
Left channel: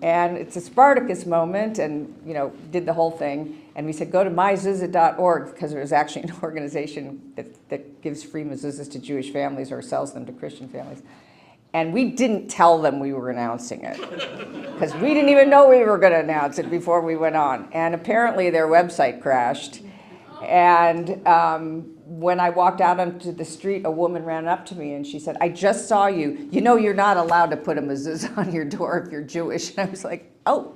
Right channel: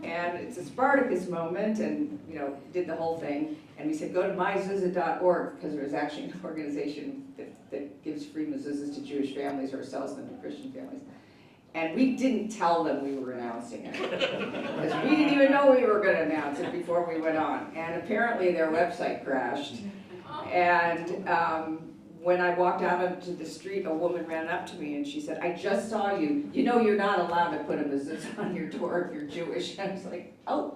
And it's a Spartacus moment, and, you know, did the whole thing. And we said, go to myzuzah.org, because there was actually an organization that gives free mezuzahs to Jewish families or sells them to Christian families. And we didn't tell them we were announcing it, because we didn't even know we were going to announce it before we went on. And apparently their website crashed. And when I walked out onto the street, a woman ran up to me and she said, I just saw you. You know, you're not allowed to put a mezuzah on your door if you're Jewish. And I was like, oh.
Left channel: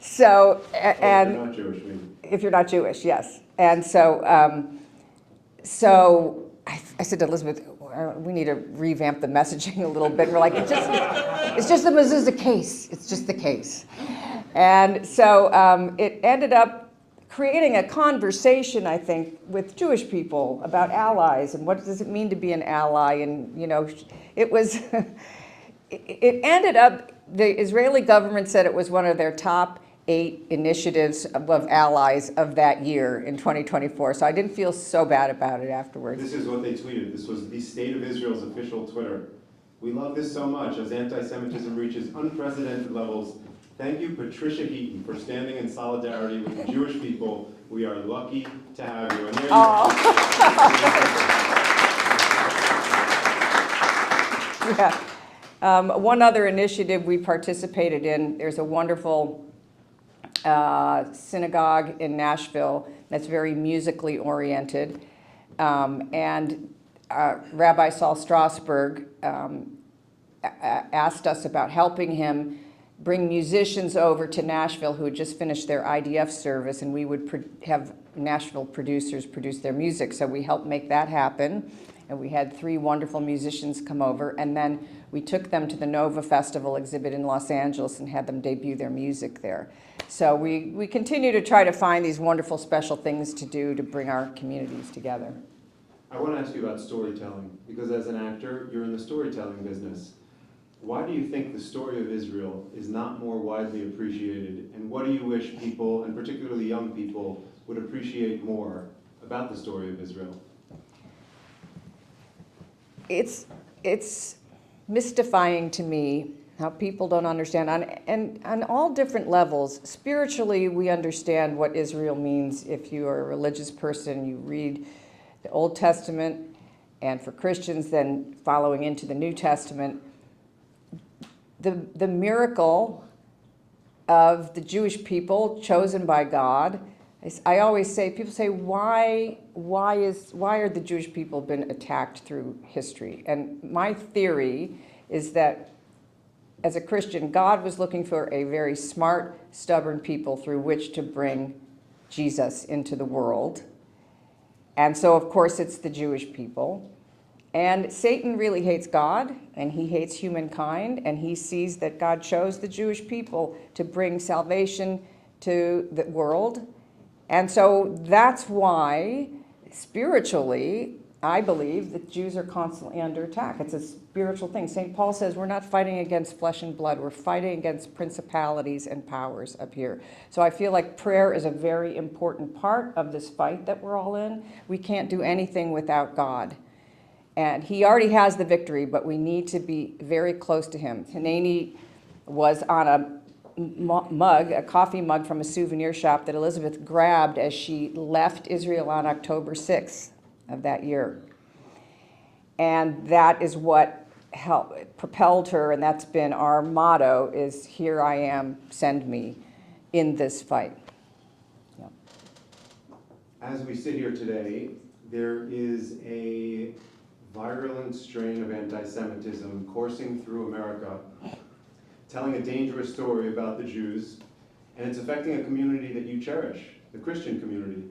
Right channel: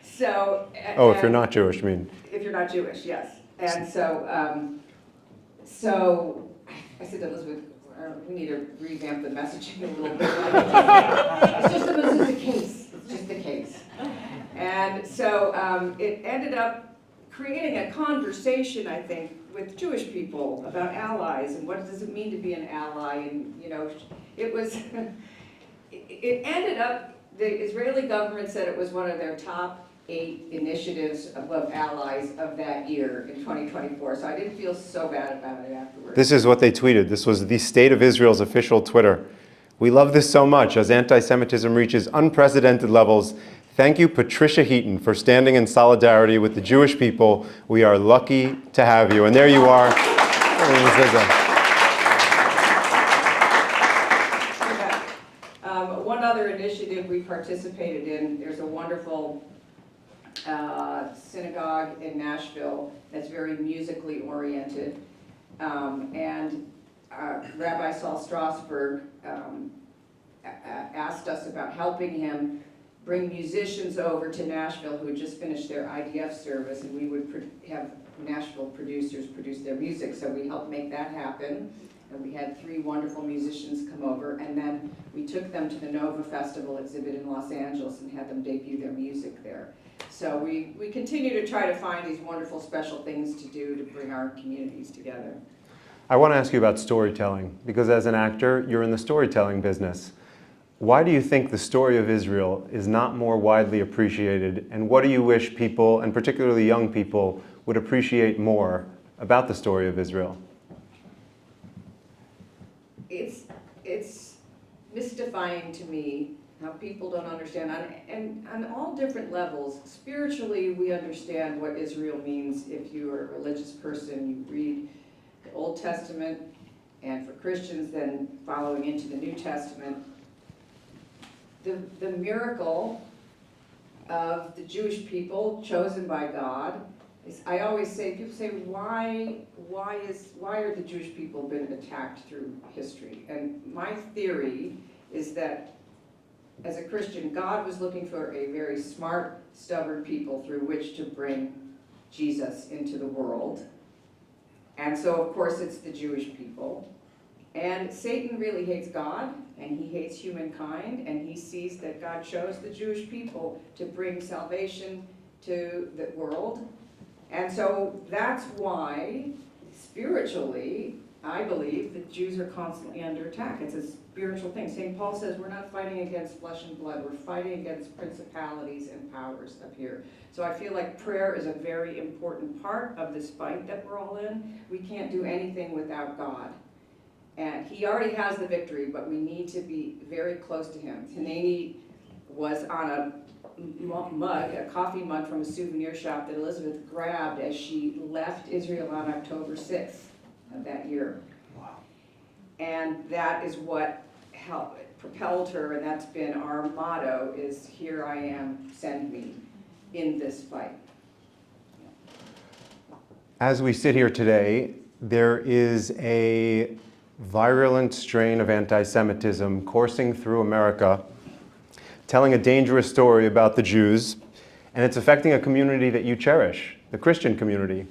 So. If you're not Jewish, I mean. If you're not Jewish, yes. And so, I said to Elizabeth, we need to revamp the messaging a little bit. We're like, it's just the mezuzah case. It's just the case. And so it ended up creating a conversation, I think, with Jewish people about allies and what does it mean to be an ally. And, you know, it was, it ended up, the Israeli government said it was one of their top 8 initiatives of allies of that year in 2024. So I didn't feel so bad about it afterwards. This is what they tweeted. This was the State of Israel's official Twitter. We love this so much as anti-Semitism reaches unprecedented levels. Thank you, Patricia Heaton, for standing in solidarity with the Jewish people. We are lucky to have you. And there you are. Yeah. One other initiative we participated in, there's a wonderful synagogue in Nashville that's very musically oriented. And Rabbi Saul Strasberg asked us about helping him bring musicians over to Nashville who had just finished their IDF service, and we would have Nashville producers produce their music. So we helped make that happen, and we had 3 wonderful musicians come over, and then we took them to the Nova Festival exhibit in Los Angeles and had them debut their music there. So we continue to try to find these wonderful special things to do to bring our communities together. I want to ask you about storytelling, because as an actor, you're in the storytelling business. Why do you think the story of Israel is not more widely appreciated, and what do you wish people, and particularly young people, would appreciate more about the story of Israel? It's mystifying to me how people don't understand, on all different levels. Spiritually, we understand what Israel means. If you are a religious person, you read the Old Testament, and for Christians, then following into the New Testament, the miracle of the Jewish people chosen by God. I always say, people say, why are the Jewish people been attacked through history? And my theory is that as a Christian, God was looking for a very smart, stubborn people through which to bring Jesus into the world. And so, of course, it's the Jewish people. And Satan really hates God, and he hates humankind, and he sees that God chose the Jewish people to bring salvation to the world. And so that's why, spiritually, I believe that Jews are constantly under attack. It's a spiritual thing. St. Paul says we're not fighting against flesh and blood. We're fighting against principalities and powers up here. So I feel like prayer is a very important part of this fight that we're all in. We can't do anything without God. And he already has the victory, but we need to be very close to him. Hineni was on a mug, a coffee mug from a souvenir shop that Elizabeth grabbed as she left Israel on October 6th of that year. And that is what propelled her, and that's been our motto, is here I am, send me in this fight. Yeah. As we sit here today, there is a virulent strain of anti-Semitism coursing through America, telling a dangerous story about the Jews, and it's affecting a community that you cherish, the Christian community.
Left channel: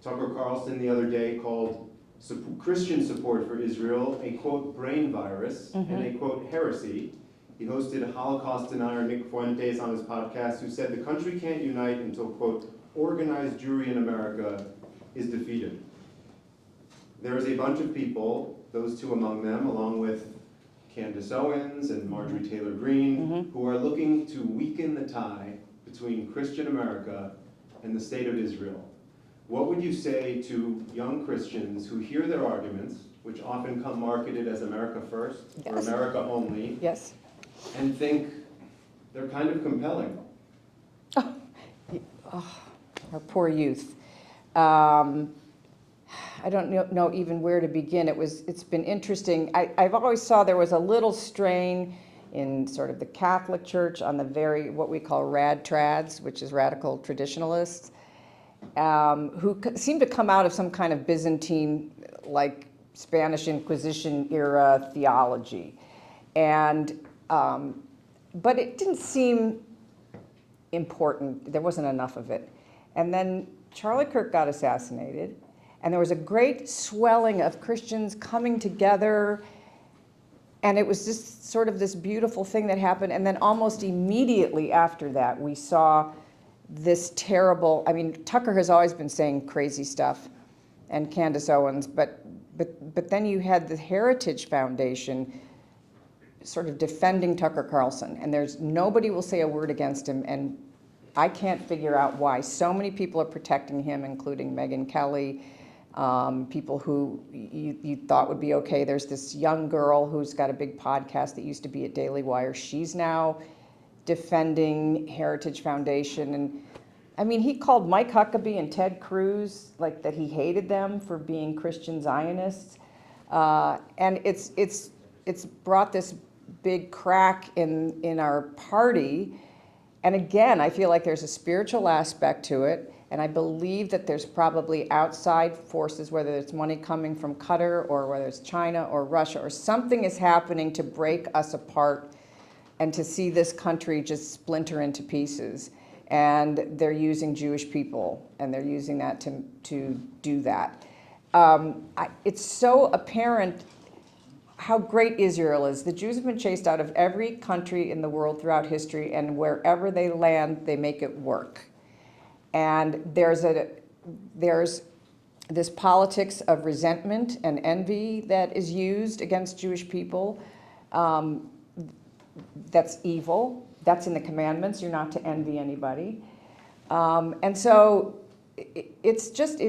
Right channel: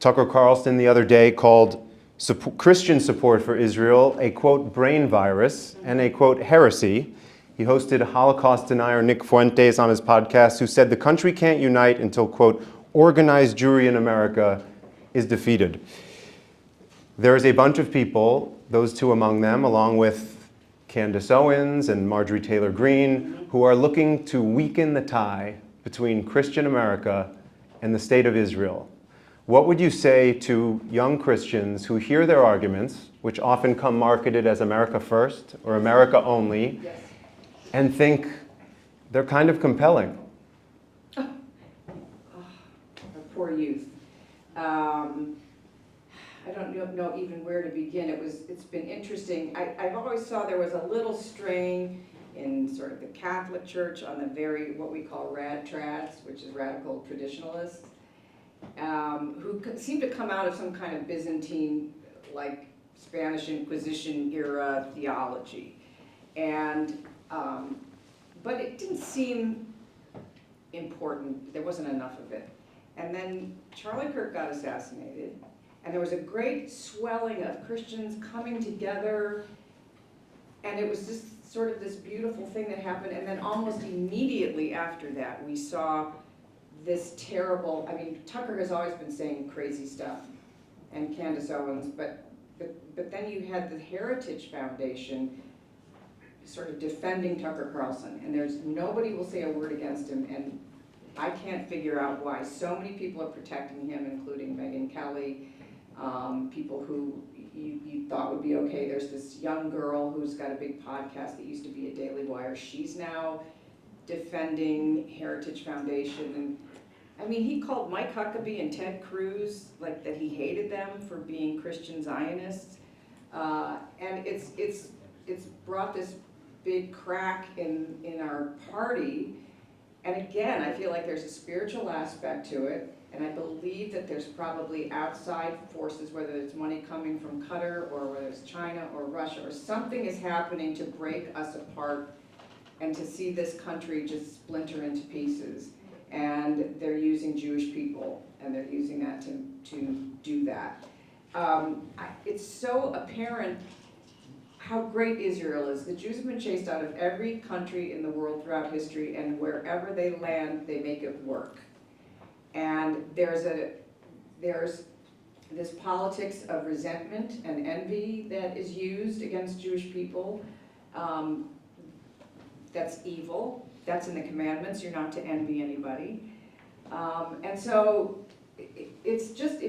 Tucker Carlson the other day called Christian support for Israel a, quote, brain virus and a, quote, heresy. He hosted Holocaust denier Nick Fuentes on his podcast, who said the country can't unite until, quote, organized Jewry in America is defeated. There is a bunch of people, those 2 among them, along with Candace Owens and Marjorie Taylor Greene, who are looking to weaken the tie between Christian America and the state of Israel. What would you say to young Christians who hear their arguments, which often come marketed as America first or America only, Yes. and think they're kind of compelling? Oh, our poor youth. I don't know even where to begin. It's been interesting. I've always saw there was a little strain in sort of the Catholic Church on the what we call rad-trads, which is radical traditionalists, who seem to come out of some kind of Byzantine, like Spanish Inquisition era theology. And, but it didn't seem important. There wasn't enough of it. And then Charlie Kirk got assassinated. And there was a great swelling of Christians coming together, and it was just sort of this beautiful thing that happened. And then almost immediately after that, we saw this terrible, I mean, Tucker has always been saying crazy stuff, and Candace Owens, but then you had the Heritage Foundation sort of defending Tucker Carlson, and nobody will say a word against him, and I can't figure out why. So many people are protecting him, including Megyn Kelly, people who you thought would be okay. There's this young girl who's got a big podcast that used to be at Daily Wire. She's now defending Heritage Foundation. And I mean, he called Mike Huckabee and Ted Cruz, like, that he hated them for being Christian Zionists. And it's brought this big crack in our party. And again, I feel like there's a spiritual aspect to it. And I believe that there's probably outside forces, whether it's money coming from Qatar or whether it's China or Russia, or something is happening to break us apart and to see this country just splinter into pieces. And they're using Jewish people, and they're using that to do that. It's so apparent how great Israel is. The Jews have been chased out of every country in the world throughout history, and wherever they land, they make it work. And there's this politics of resentment and envy that is used against Jewish people. That's evil. That's in the commandments. You're not to envy anybody. And so it's just,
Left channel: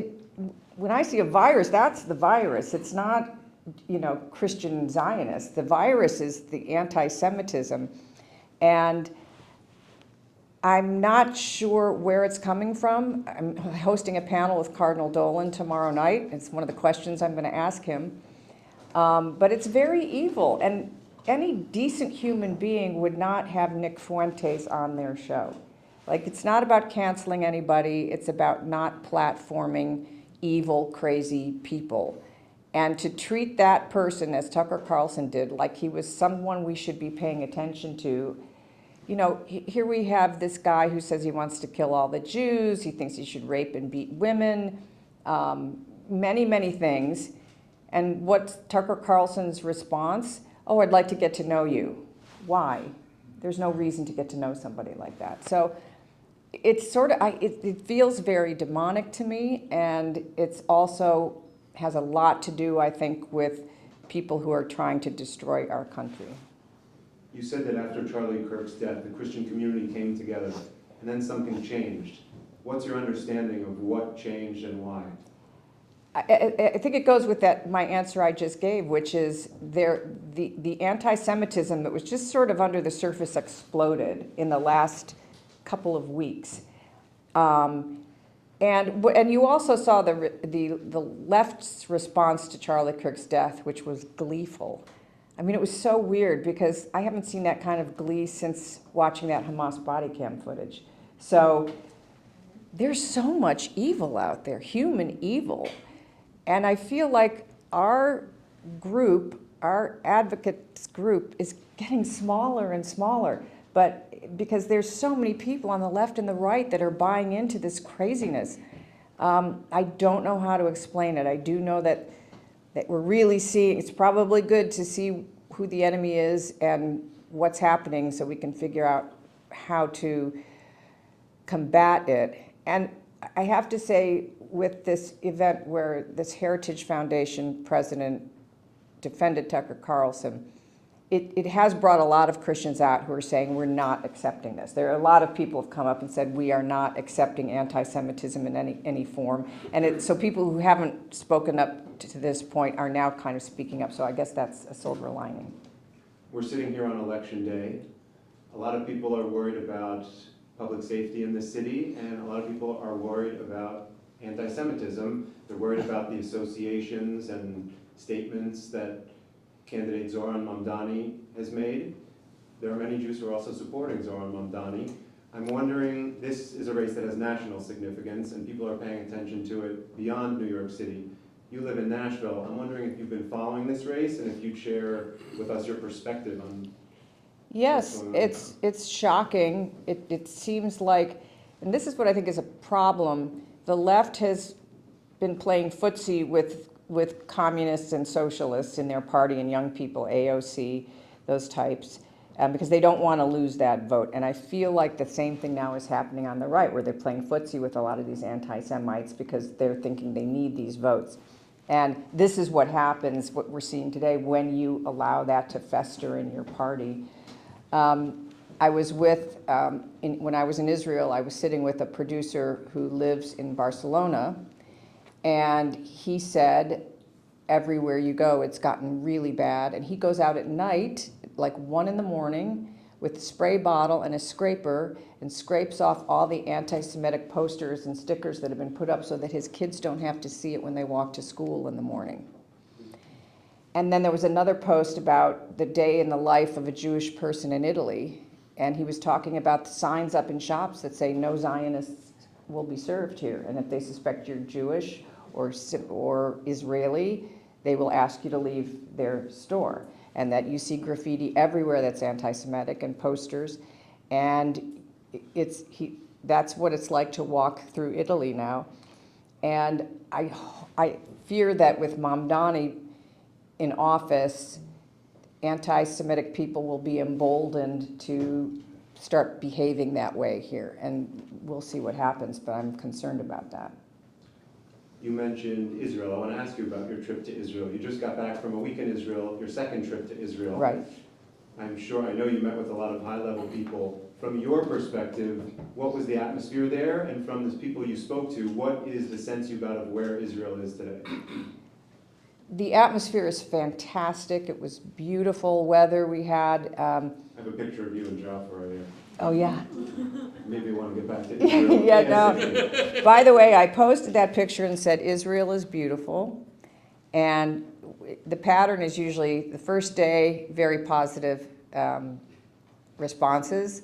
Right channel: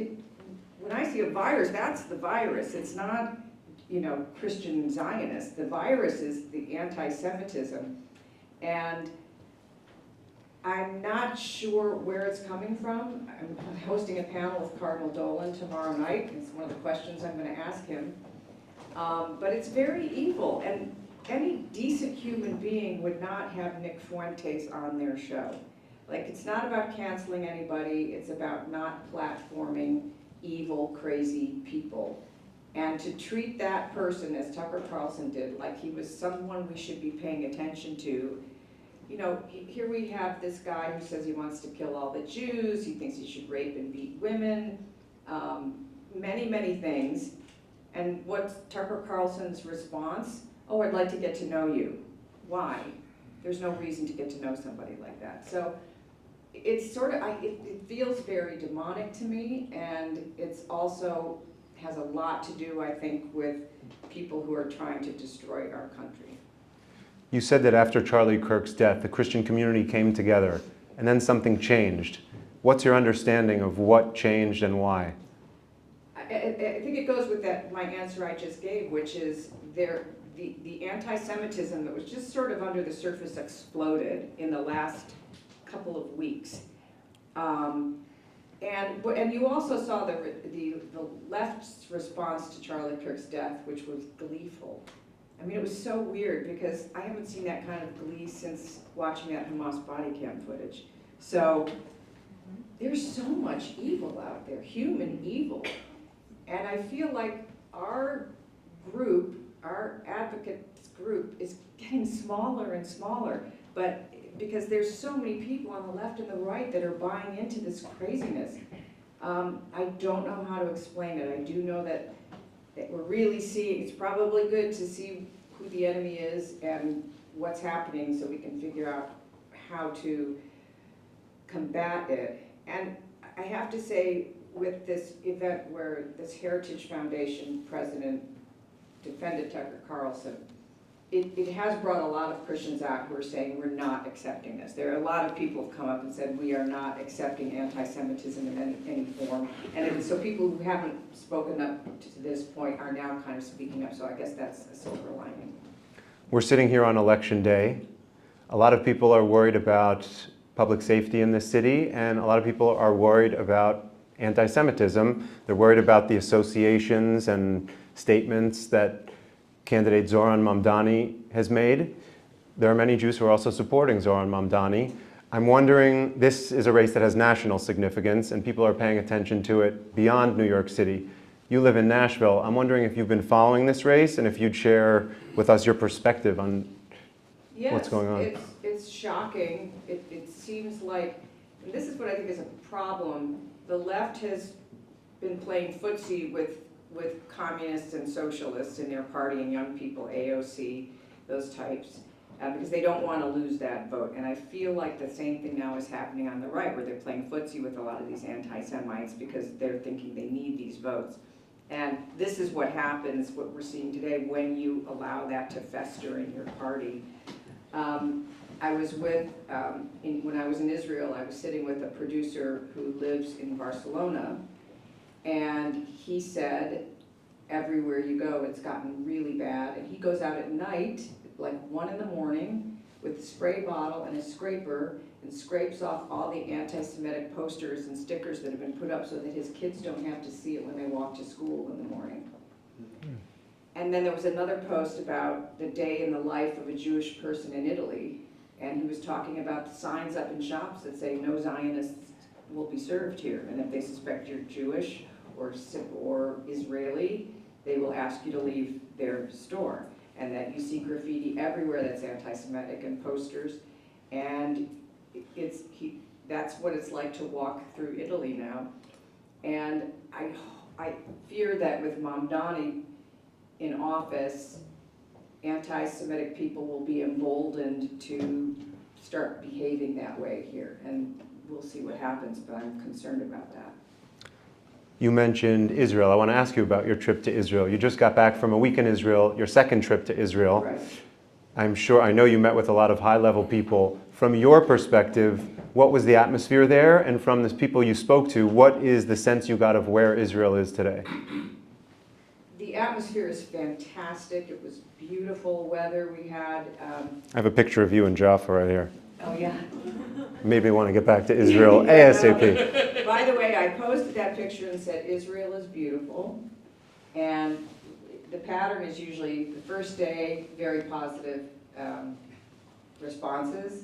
when I see a virus, that's the virus. It's not, Christian Zionists. The virus is the anti-Semitism. And I'm not sure where it's coming from. I'm hosting a panel with Cardinal Dolan tomorrow night. It's one of the questions I'm going to ask him. But it's very evil. And any decent human being would not have Nick Fuentes on their show. Like, it's not about canceling anybody. It's about not platforming evil, crazy people. And to treat that person, as Tucker Carlson did, like he was someone we should be paying attention to. Here we have this guy who says he wants to kill all the Jews. He thinks he should rape and beat women, many, many things. And what's Tucker Carlson's response? Oh, I'd like to get to know you. Why? There's no reason to get to know somebody like that. So it's sort of, it feels very demonic to me, and it's also has a lot to do, I think, with people who are trying to destroy our country. You said that after Charlie Kirk's death, the Christian community came together, and then something changed. What's your understanding of what changed and why? I think it goes with my answer I just gave, which is the anti-Semitism that was just sort of under the surface exploded in the last couple of weeks. And you also saw the left's response to Charlie Kirk's death, which was gleeful. I mean, it was so weird because I haven't seen that kind of glee since watching that Hamas body cam footage. So there's so much evil out there, human evil. And I feel like our group, our advocates group, is getting smaller and smaller. But because there's so many people on the left and the right that are buying into this craziness. I don't know how to explain it. I do know that we're really seeing, it's probably good to see who the enemy is and what's happening so we can figure out how to combat it. And I have to say, with this event where this Heritage Foundation president defended Tucker Carlson, it has brought a lot of Christians out who are saying we're not accepting this. There are a lot of people who have come up and said we are not accepting anti-Semitism in any form. And so people who haven't spoken up to this point are now kind of speaking up. So I guess that's a silver lining. We're sitting here on Election Day. A lot of people are worried about public safety in this city, and a lot of people are worried about anti-Semitism. They're worried about the associations and statements that candidate Zoran Mamdani has made. There are many Jews who are also supporting Zoran Mamdani. I'm wondering, this is a race that has national significance and people are paying attention to it beyond New York City. You live in Nashville. I'm wondering if you've been following this race and if you'd share with us your perspective on what's going on. Yes, it's shocking. It seems like, and this is what I think is a problem, the left has been playing footsie with communists and socialists in their party and young people, AOC, those types, because they don't want to lose that vote. And I feel like the same thing now is happening on the right, where they're playing footsie with a lot of these anti-Semites because they're thinking they need these votes. And this is what happens, what we're seeing today, when you allow that to fester in your party. I was with, when I was in Israel, I was sitting with a producer who lives in Barcelona, and he said, everywhere you go, it's gotten really bad. And he goes out at night, like 1 a.m, with a spray bottle and a scraper and scrapes off all the anti-Semitic posters and stickers that have been put up so that his kids don't have to see it when they walk to school in the morning. And then there was another post about the day in the life of a Jewish person in Italy. And he was talking about the signs up in shops that say no Zionists will be served here. And if they suspect you're Jewish or Israeli, they will ask you to leave their store. And that you see graffiti everywhere that's anti-Semitic and posters. And that's what it's like to walk through Italy now. And I fear that with Mamdani in office, anti-Semitic people will be emboldened to start behaving that way here. And we'll see what happens, but I'm concerned about that. You mentioned Israel. I want to ask you about your trip to Israel. You just got back from a week in Israel, your second trip to Israel. Right. I know you met with a lot of high-level people. From your perspective, what was the atmosphere there? And from the people you spoke to, what is the sense you got of where Israel is today? The atmosphere is fantastic. It was beautiful weather we had. I have a picture of you and Jaffa right here. Oh, yeah. Maybe want to get back to Israel Yeah, ASAP. no. By the way, I posted that picture and said, Israel is beautiful. And the pattern is usually the first day, very positive responses,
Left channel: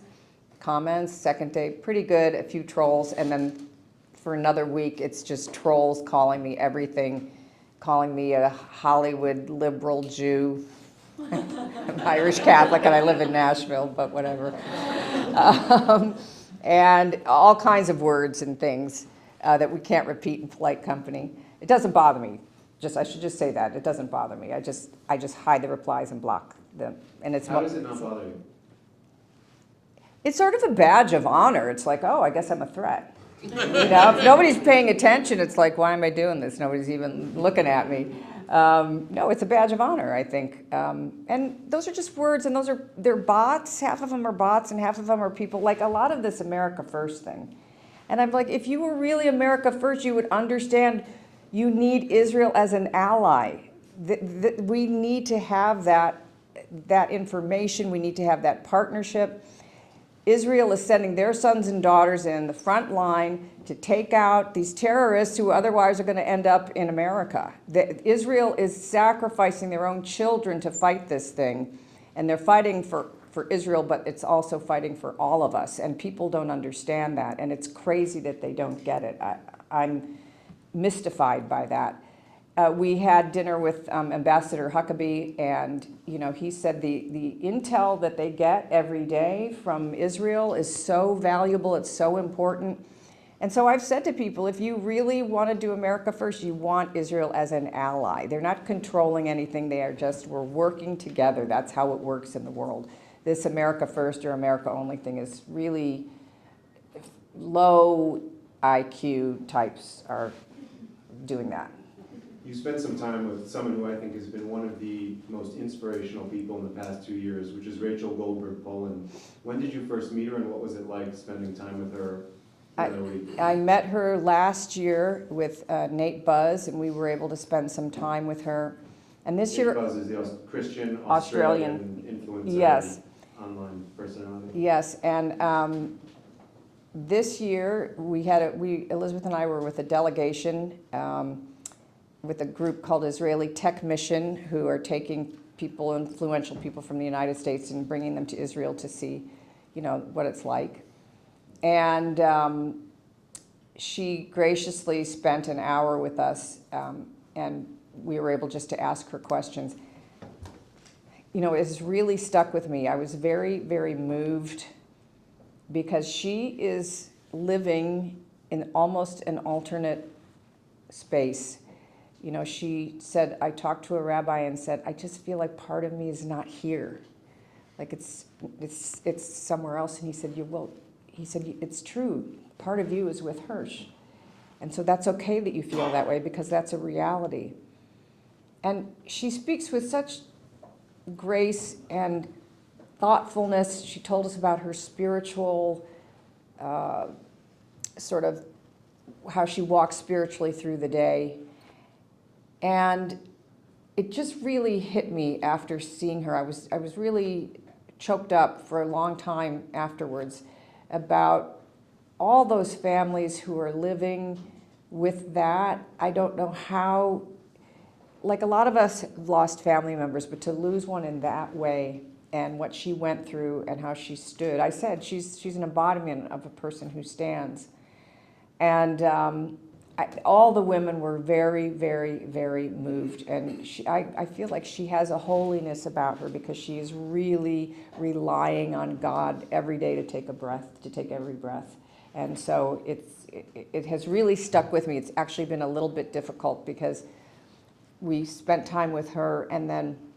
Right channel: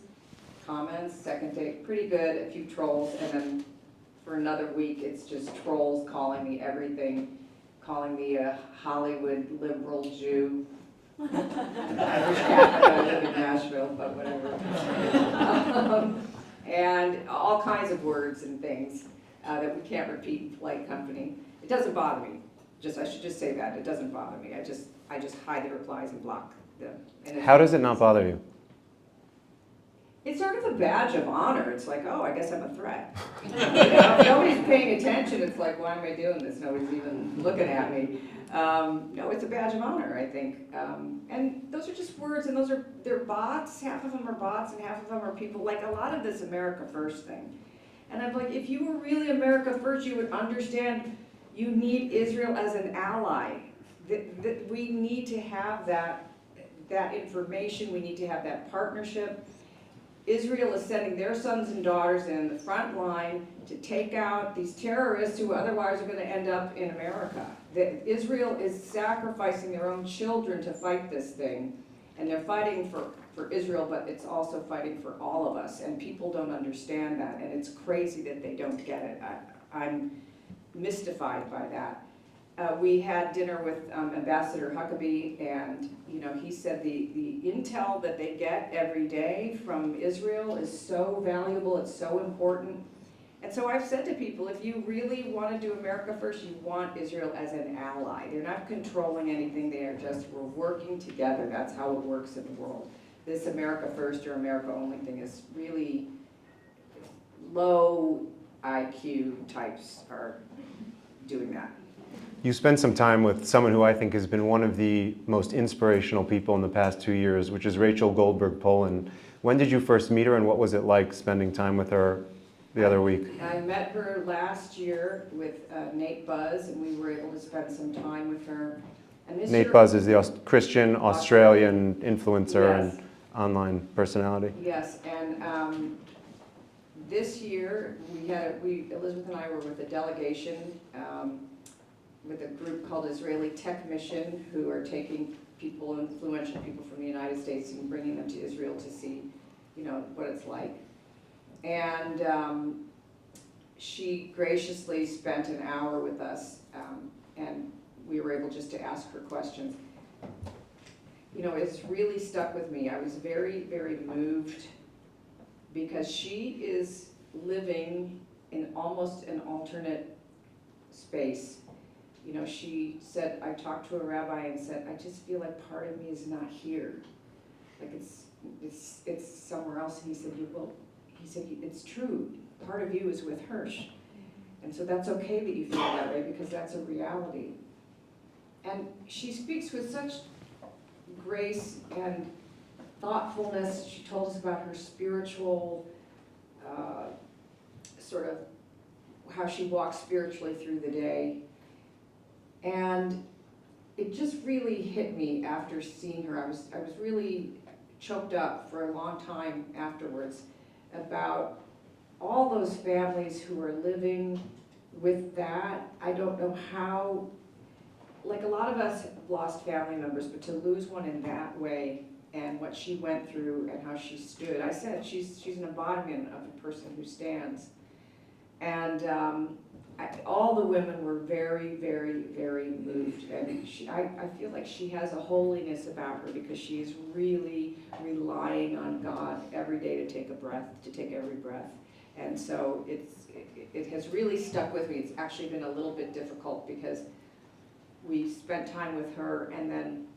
comments. Second day, pretty good, a few trolls. And then for another week, it's just trolls calling me everything, calling me a Hollywood liberal Jew. I'm Irish Catholic and I live in Nashville, but whatever. And all kinds of words and things that we can't repeat in polite company. It doesn't bother me. I should just say that. It doesn't bother me. I just hide the replies and block them. And How does it not bother you? It's sort of a badge of honor. It's like, oh, I guess I'm a threat. You know, if nobody's paying attention, it's like, why am I doing this? Nobody's even looking at me. No, it's a badge of honor, I think. And those are just words, and they're bots. Half of them are bots, and half of them are people. Like a lot of this America First thing. And I'm like, if you were really America First, you would understand you need Israel as an ally. We need to have that information. We need to have that partnership. Israel is sending their sons and daughters in the front line to take out these terrorists who otherwise are going to end up in America. Israel is sacrificing their own children to fight this thing, and they're fighting for Israel, but it's also fighting for all of us, and people don't understand that, and it's crazy that they don't get it. I'm mystified by that. We had dinner with Ambassador Huckabee, and he said the intel that they get every day from Israel is so valuable, it's so important. And so I've said to people, if you really want to do America First, you want Israel as an ally. They're not controlling anything, we're working together. That's how it works in the world. This America First or America Only thing is really low IQ types are doing that. You spent some time with someone who I think has been one of the most inspirational people in the past 2 years, which is Rachel Goldberg-Polin. When did you first meet her, and what was it like spending time with her the other week? I met her last year with Nate Buzz, and we were able to spend some time with her. And this year, Nate Buzz is the Christian Australian influencer yes. and online personality. Yes, and this year Elizabeth and I were with a delegation with a group called Israeli Tech Mission, who are taking influential people from the United States and bringing them to Israel to see, what it's like. And she graciously spent an hour with us, and we were able just to ask her questions. It's really stuck with me. I was very, very moved because she is living in almost an alternate space. She said, I talked to a rabbi and said, I just feel like part of me is not here. Like it's somewhere else. And he said, it's true. Part of you is with Hirsch. And so that's okay that you feel that way because that's a reality. And she speaks with such grace and thoughtfulness. She told us about her spiritual, sort of how she walks spiritually through the day. And it just really hit me after seeing her. I was really choked up for a long time afterwards about all those families who are living with that. I don't know how, like a lot of us have lost family members, but to lose one in that way and what she went through and how she stood. I said she's an embodiment of a person who stands. And all the women were very, very, very moved. And I feel like she has a holiness about her because she is really relying on God every day to take every breath. And so it has really stuck with me. It's actually been a little bit difficult because we spent time with her, and then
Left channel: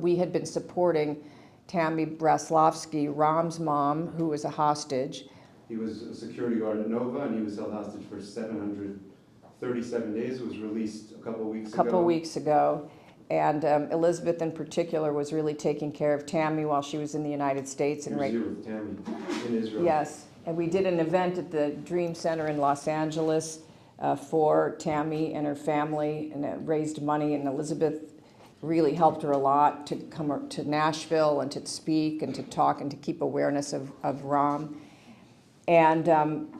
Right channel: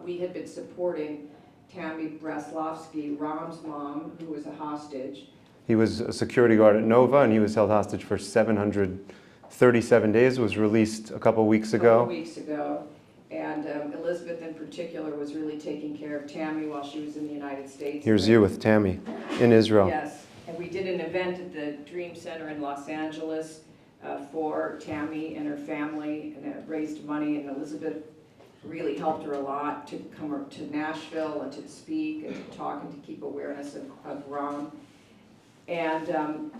we had been supporting Tammy Braslovsky, Ram's mom, who was a hostage. He was a security guard at Nova, and he was held hostage for 737 days, was released a couple weeks ago. And Elizabeth in particular was really taking care of Tammy while she was in the United States. Here's you with Tammy in Israel. Yes, and we did an event at the Dream Center in Los Angeles for Tammy and her family, and it raised money, and Elizabeth really helped her a lot to come to Nashville and to speak and to talk and to keep awareness of Ram. And,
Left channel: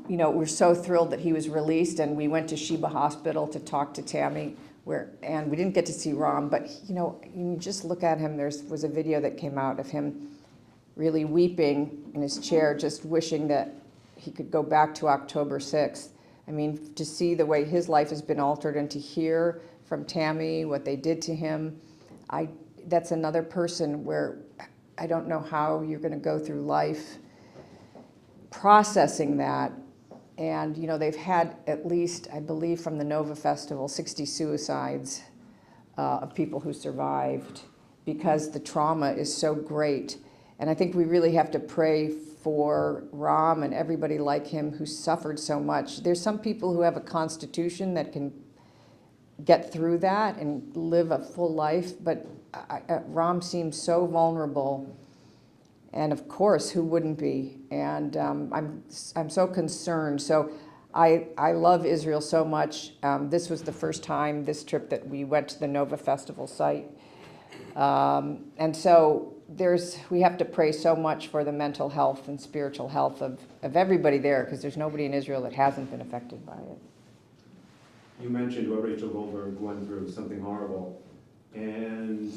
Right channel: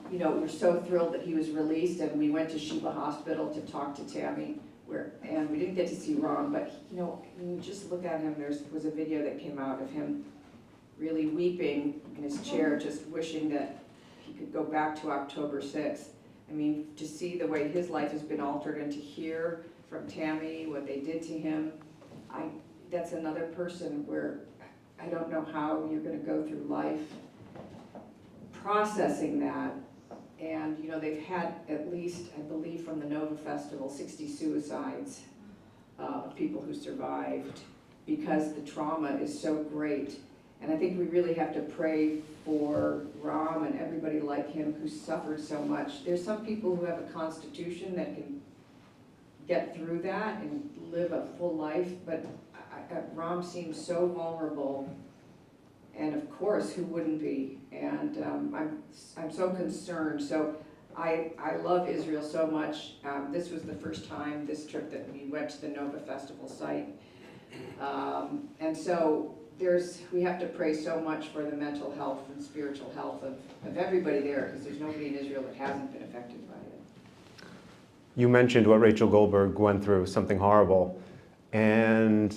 we're so thrilled that he was released, and we went to Sheba Hospital to talk to Tammy, and we didn't get to see Ram, but, you just look at him. There was a video that came out of him really weeping in his chair, just wishing that he could go back to October 6th. I mean, to see the way his life has been altered and to hear from Tammy what they did to him, that's another person where I don't know how you're going to go through life processing that. And, they've had at least, I believe, from the Nova Festival, 60 suicides of people who survived because the trauma is so great. And I think we really have to pray for Ram and everybody like him who suffered so much. There's some people who have a constitution that can get through that and live a full life, but Ram seems so vulnerable. And of course, who wouldn't be? And I'm so concerned. So I love Israel so much. This was the first time this trip that we went to the Nova Festival site. And so we have to pray so much for the mental health and spiritual health of everybody there, because there's nobody in Israel that hasn't been affected by it. You mentioned what Rachel Goldberg went through, something horrible. And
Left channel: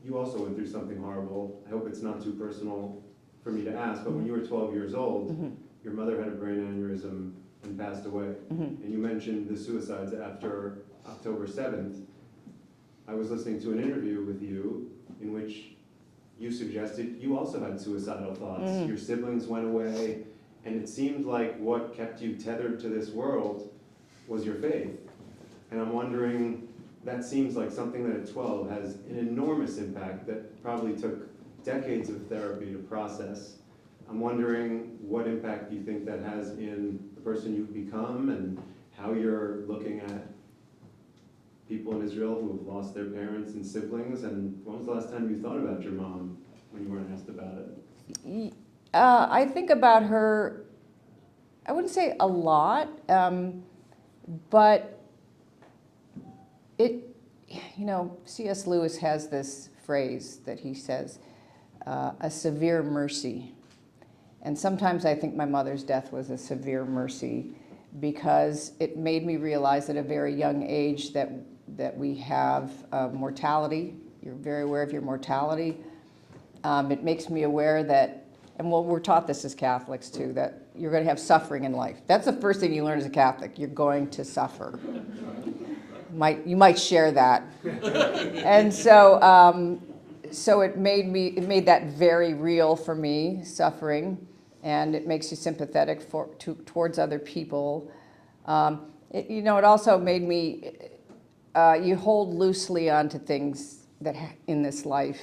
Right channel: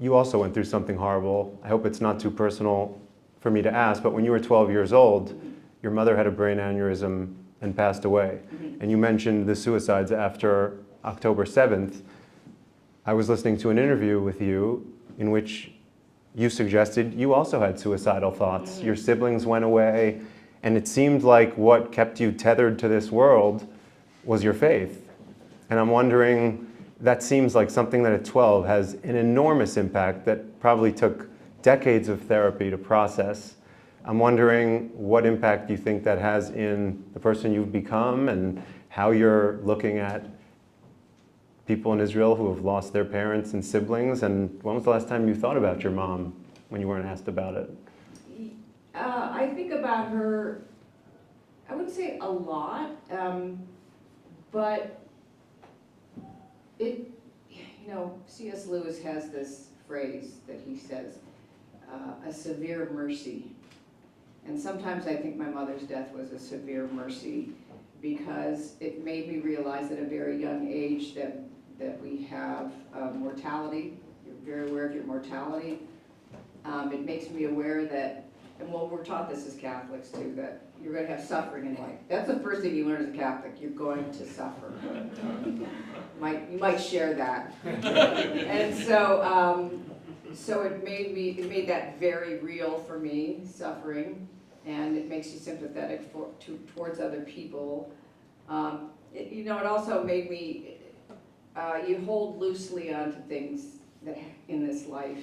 you also went through something horrible. I hope it's not too personal for me to ask, but when you were 12 years old, mm-hmm. your mother had a brain aneurysm and passed away. Mm-hmm. And you mentioned the suicides after October 7th. I was listening to an interview with you in which you suggested you also had suicidal thoughts. Mm. Your siblings went away, and it seemed like what kept you tethered to this world was your faith. And I'm wondering, that seems like something that at 12 has an enormous impact that probably took decades of therapy to process. I'm wondering what impact you think that has in the person you've become and how you're looking at people in Israel who have lost their parents and siblings. And when was the last time you thought about your mom when you weren't asked about it? I think about her, I wouldn't say a lot, but C.S. Lewis has this phrase that he says, a severe mercy. And sometimes I think my mother's death was a severe mercy because it made me realize at a very young age that we have mortality. You're very aware of your mortality. It makes me aware that, and we're taught this as Catholics too, that you're going to have suffering in life. That's the first thing you learn as a Catholic. You're going to suffer. You might share that. And so it made that very real for me, suffering, and it makes you sympathetic towards other people. It also made me, you hold loosely onto things that in this life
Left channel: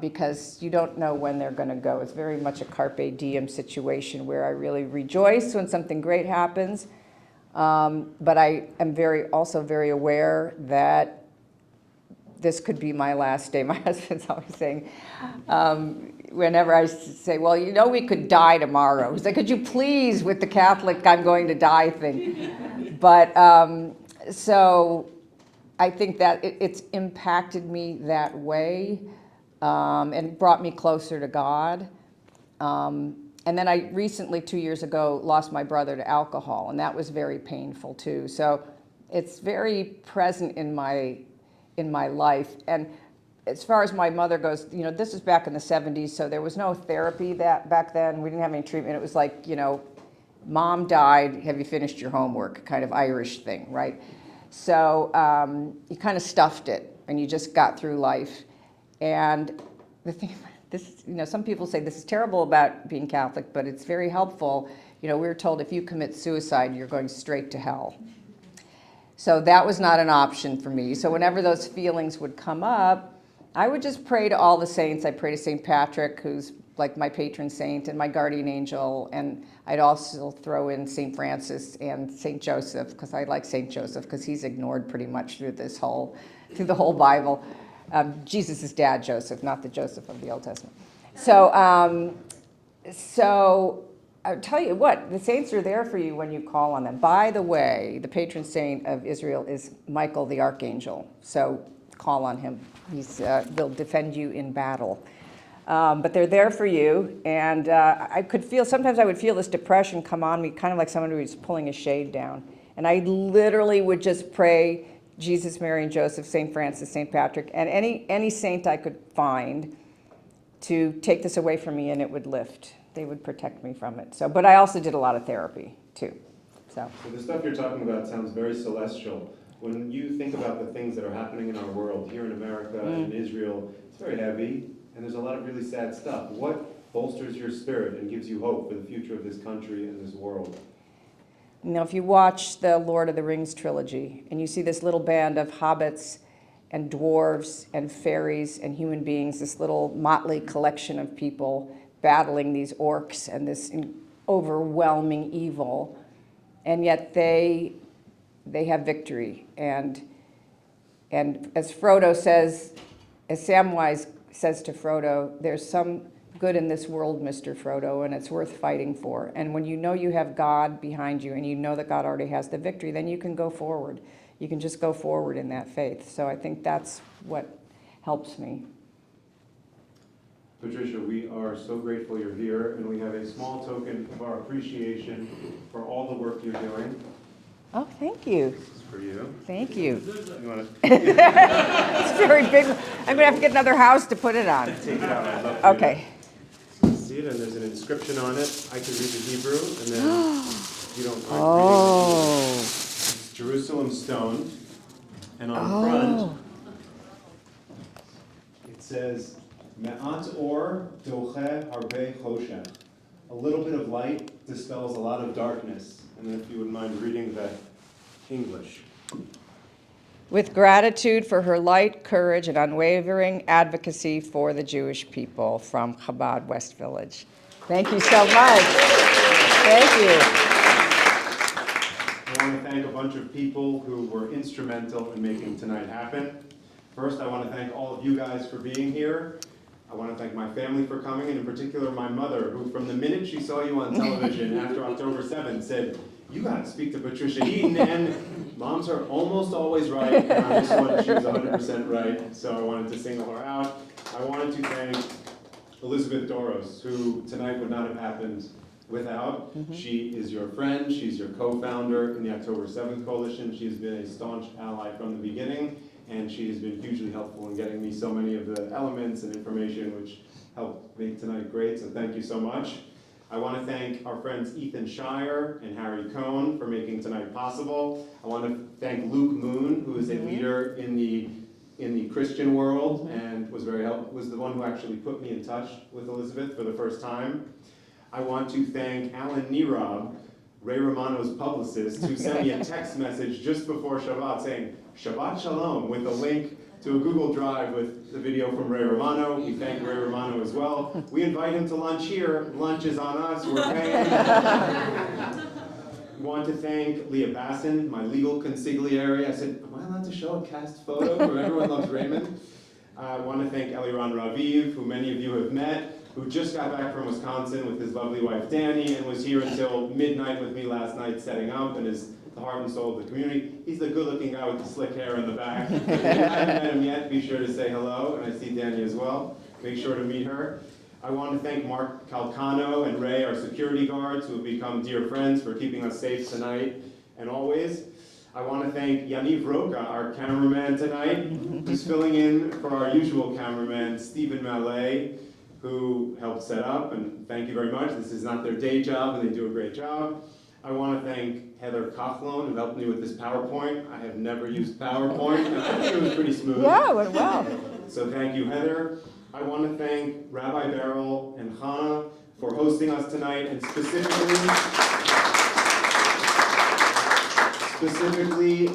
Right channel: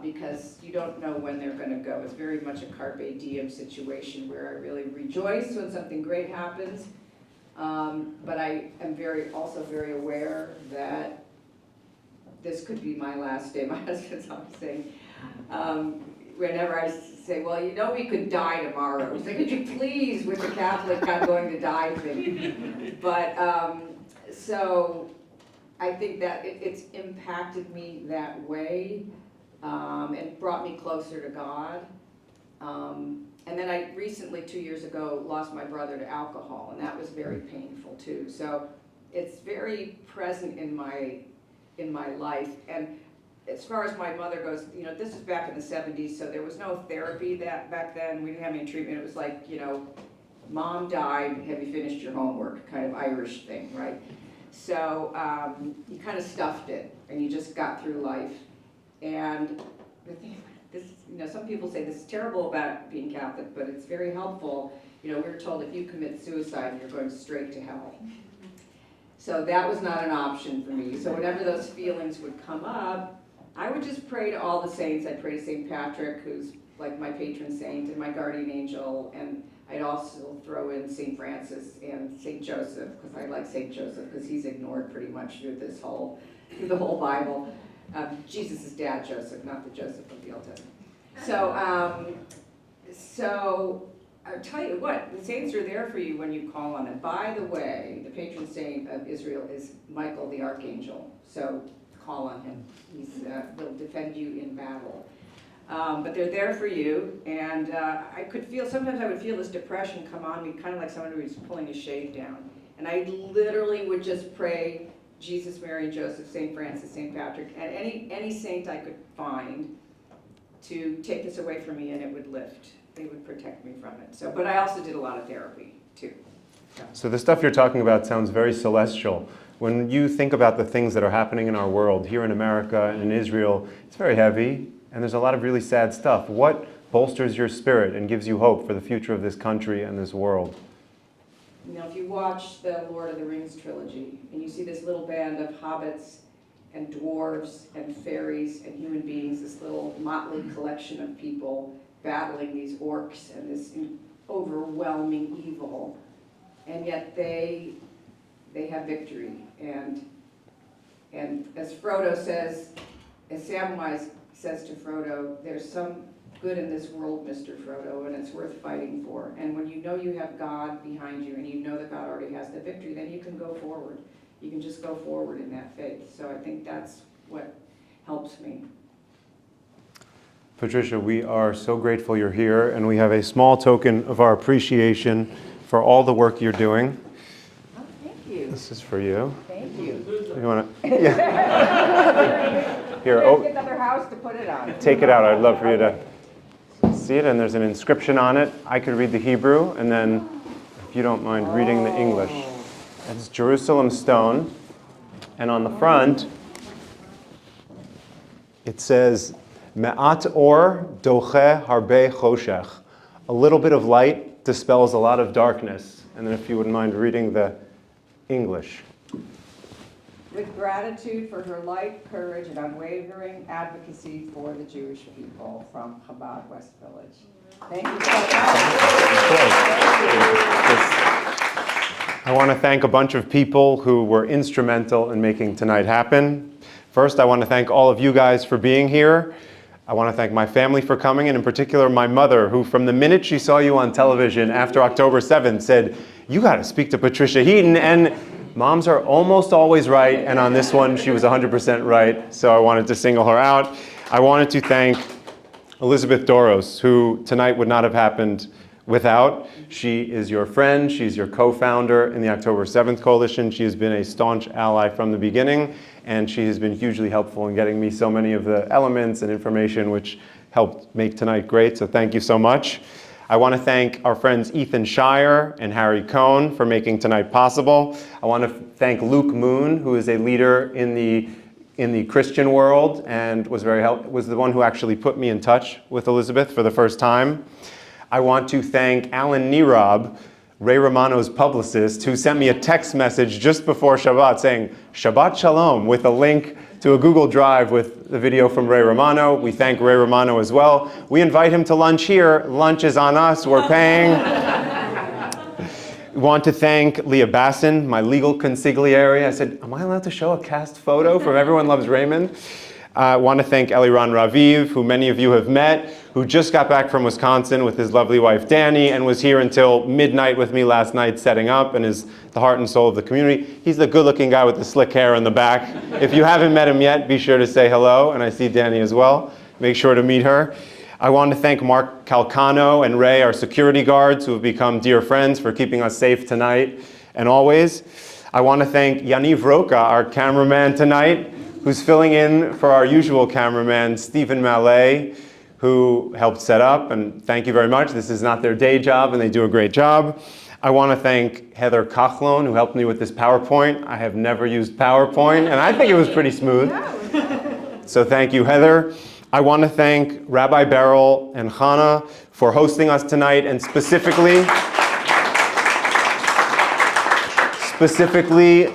because you don't know when they're going to go. It's very much a carpe diem situation where I really rejoice when something great happens. But I am also very aware that this could be my last day. My husband's always saying, whenever I say, well, we could die tomorrow. He's like, could you please, with the Catholic I'm going to die thing. But so I think that it's impacted me that way and brought me closer to God. And then I recently, 2 years ago, lost my brother to alcohol, and that was very painful too. So it's very present in my life. And as far as my mother goes, this is back in the 70s, so there was no therapy back then. We didn't have any treatment. It was like, Mom died, have you finished your homework? Kind of Irish thing, right? So you kind of stuffed it, and you just got through life. And the thing, some people say this is terrible about being Catholic, but it's very helpful. We're told if you commit suicide, you're going straight to hell. So that was not an option for me. So whenever those feelings would come up, I would just pray to all the saints. I'd pray to St. Patrick, who's like my patron saint and my guardian angel, and I'd also throw in St. Francis and St. Joseph, because I like St. Joseph because he's ignored pretty much through the whole Bible. Jesus' dad, Joseph, not the Joseph of the Old Testament. So I'll tell you what, the saints are there for you when you call on them. By the way, the patron saint of Israel is Michael the Archangel, so call on him. They'll defend you in battle. But they're there for you, and sometimes I would feel this depression come on me, kind of like someone who was pulling a shade down. And I literally would just pray Jesus, Mary, and Joseph, St. Francis, St. Patrick, and any saint I could find to take this away from me, and it would lift. They would protect me from it. But I also did a lot of therapy, too. So the stuff you're talking about sounds very celestial. When you think about the things that are happening in our world, here in America and in Israel, it's very heavy, and there's a lot of really sad stuff. What bolsters your spirit and gives you hope for the future of this country and this world? If you watch the Lord of the Rings trilogy, and you see this little band of hobbits and dwarves and fairies and human beings, this little motley collection of people battling these orcs and this overwhelming evil, and yet they have victory. And as Frodo says, as Samwise says to Frodo, there's some good in this world, Mr. Frodo, and it's worth fighting for. And when you know you have God behind you and you know that God already has the victory, then you can go forward. You can just go forward in that faith. So I think that's what helps me. Patricia, we are so grateful you're here, and we have a small token of our appreciation for all the work you're doing. Oh, thank you. This is for you. Thank you. You want to It's very big. I'm Here, going to have to get another house to put it on. take it out? I'd love for you Okay. to see it, and there's an inscription on it. I could read the Hebrew, and then, if you don't mind reading the English. It's Jerusalem stone, and on the front, it says, Me'at or doche harbe choshech. A little bit of light dispels a lot of darkness. And then if you wouldn't mind reading the English. With gratitude for her light, courage, and unwavering advocacy for the Jewish people, from Chabad West Village. Thank you so much. Thank you. I want to thank a bunch of people who were instrumental in making tonight happen. First, I want to thank all of you guys for being here. I want to thank my family for coming, and in particular my mother, who from the minute she saw you on television after October 7th said, you got to speak to Patricia Heaton, and moms are almost always right, and on this one she was 100% right, so I wanted to single her out. I wanted to thank Elizabeth Doros, who tonight would not have happened without. She is your friend, she's your co-founder in the October 7th Coalition. She has been a staunch ally from the beginning, and she has been hugely helpful in getting me so many of the elements and information which helped make tonight great, so thank you so much. I want to thank our friends Ethan Shire and Harry Cohn for making tonight possible. I want to thank Luke Moon, who is a leader in the Christian world and was the one who actually put me in touch with Elizabeth for the first time. I want to thank Alan Nirab, Ray Romano's publicist, who sent me a text message just before Shabbat saying, Shabbat Shalom, with a link to a Google Drive with the video from Ray Romano. We thank Ray Romano as well. We invite him to lunch here. Lunch is on us, we're paying. We want to thank Leah Basson, my legal consigliere. I said, am I allowed to show a cast photo from Everyone Loves Raymond? I want to thank Eliran Raviv, who many of you have met, who just got back from Wisconsin with his lovely wife Danny and was here until midnight with me last night setting up and is the heart and soul of the community. He's the good-looking guy with the slick hair in the back. If you haven't met him yet, be sure to say hello, and I see Danny as well. Make sure to meet her. I want to thank Mark Calcano and Ray, our security guards, who have become dear friends, for keeping us safe tonight and always. I want to thank Yaniv Roca, our cameraman tonight, who's filling in for our usual cameraman, Stephen Mallet, who helped set up, and thank you very much. This is not their day job, and they do a great job. I want to thank Heather Kachlon, who helped me with this PowerPoint. I have never used PowerPoint, and I think it was pretty smooth. Yeah, it went well. So thank you, Heather. I want to thank Rabbi Beryl and Chana for hosting us tonight, and specifically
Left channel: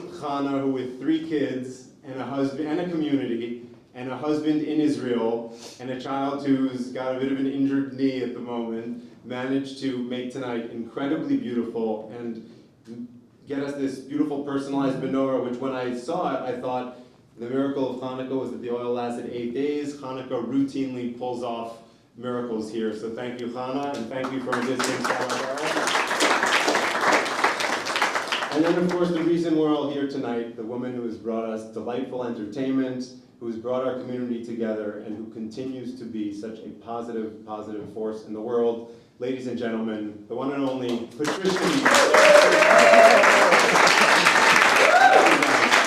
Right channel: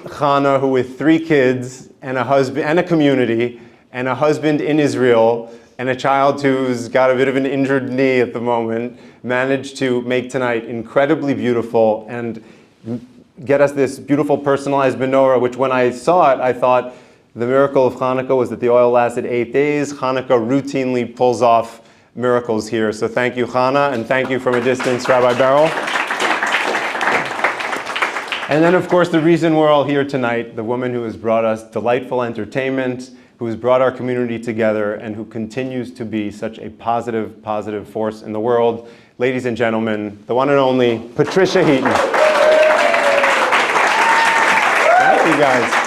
Chana, who with 3 kids and a husband and a community and a husband in Israel and a child who's got a bit of an injured knee at the moment, managed to make tonight incredibly beautiful and get us this beautiful personalized menorah, which when I saw it, I thought the miracle of Hanukkah was that the oil lasted 8 days. Hanukkah routinely pulls off miracles here. So thank you, Chana, and thank you from a distance, Rabbi Beryl. And then, of course, the reason we're all here tonight, the woman who has brought us delightful entertainment, who has brought our community together, and who continues to be such a positive, positive force in the world. Ladies and gentlemen, the one and only Patricia Heaton. Thank you, guys.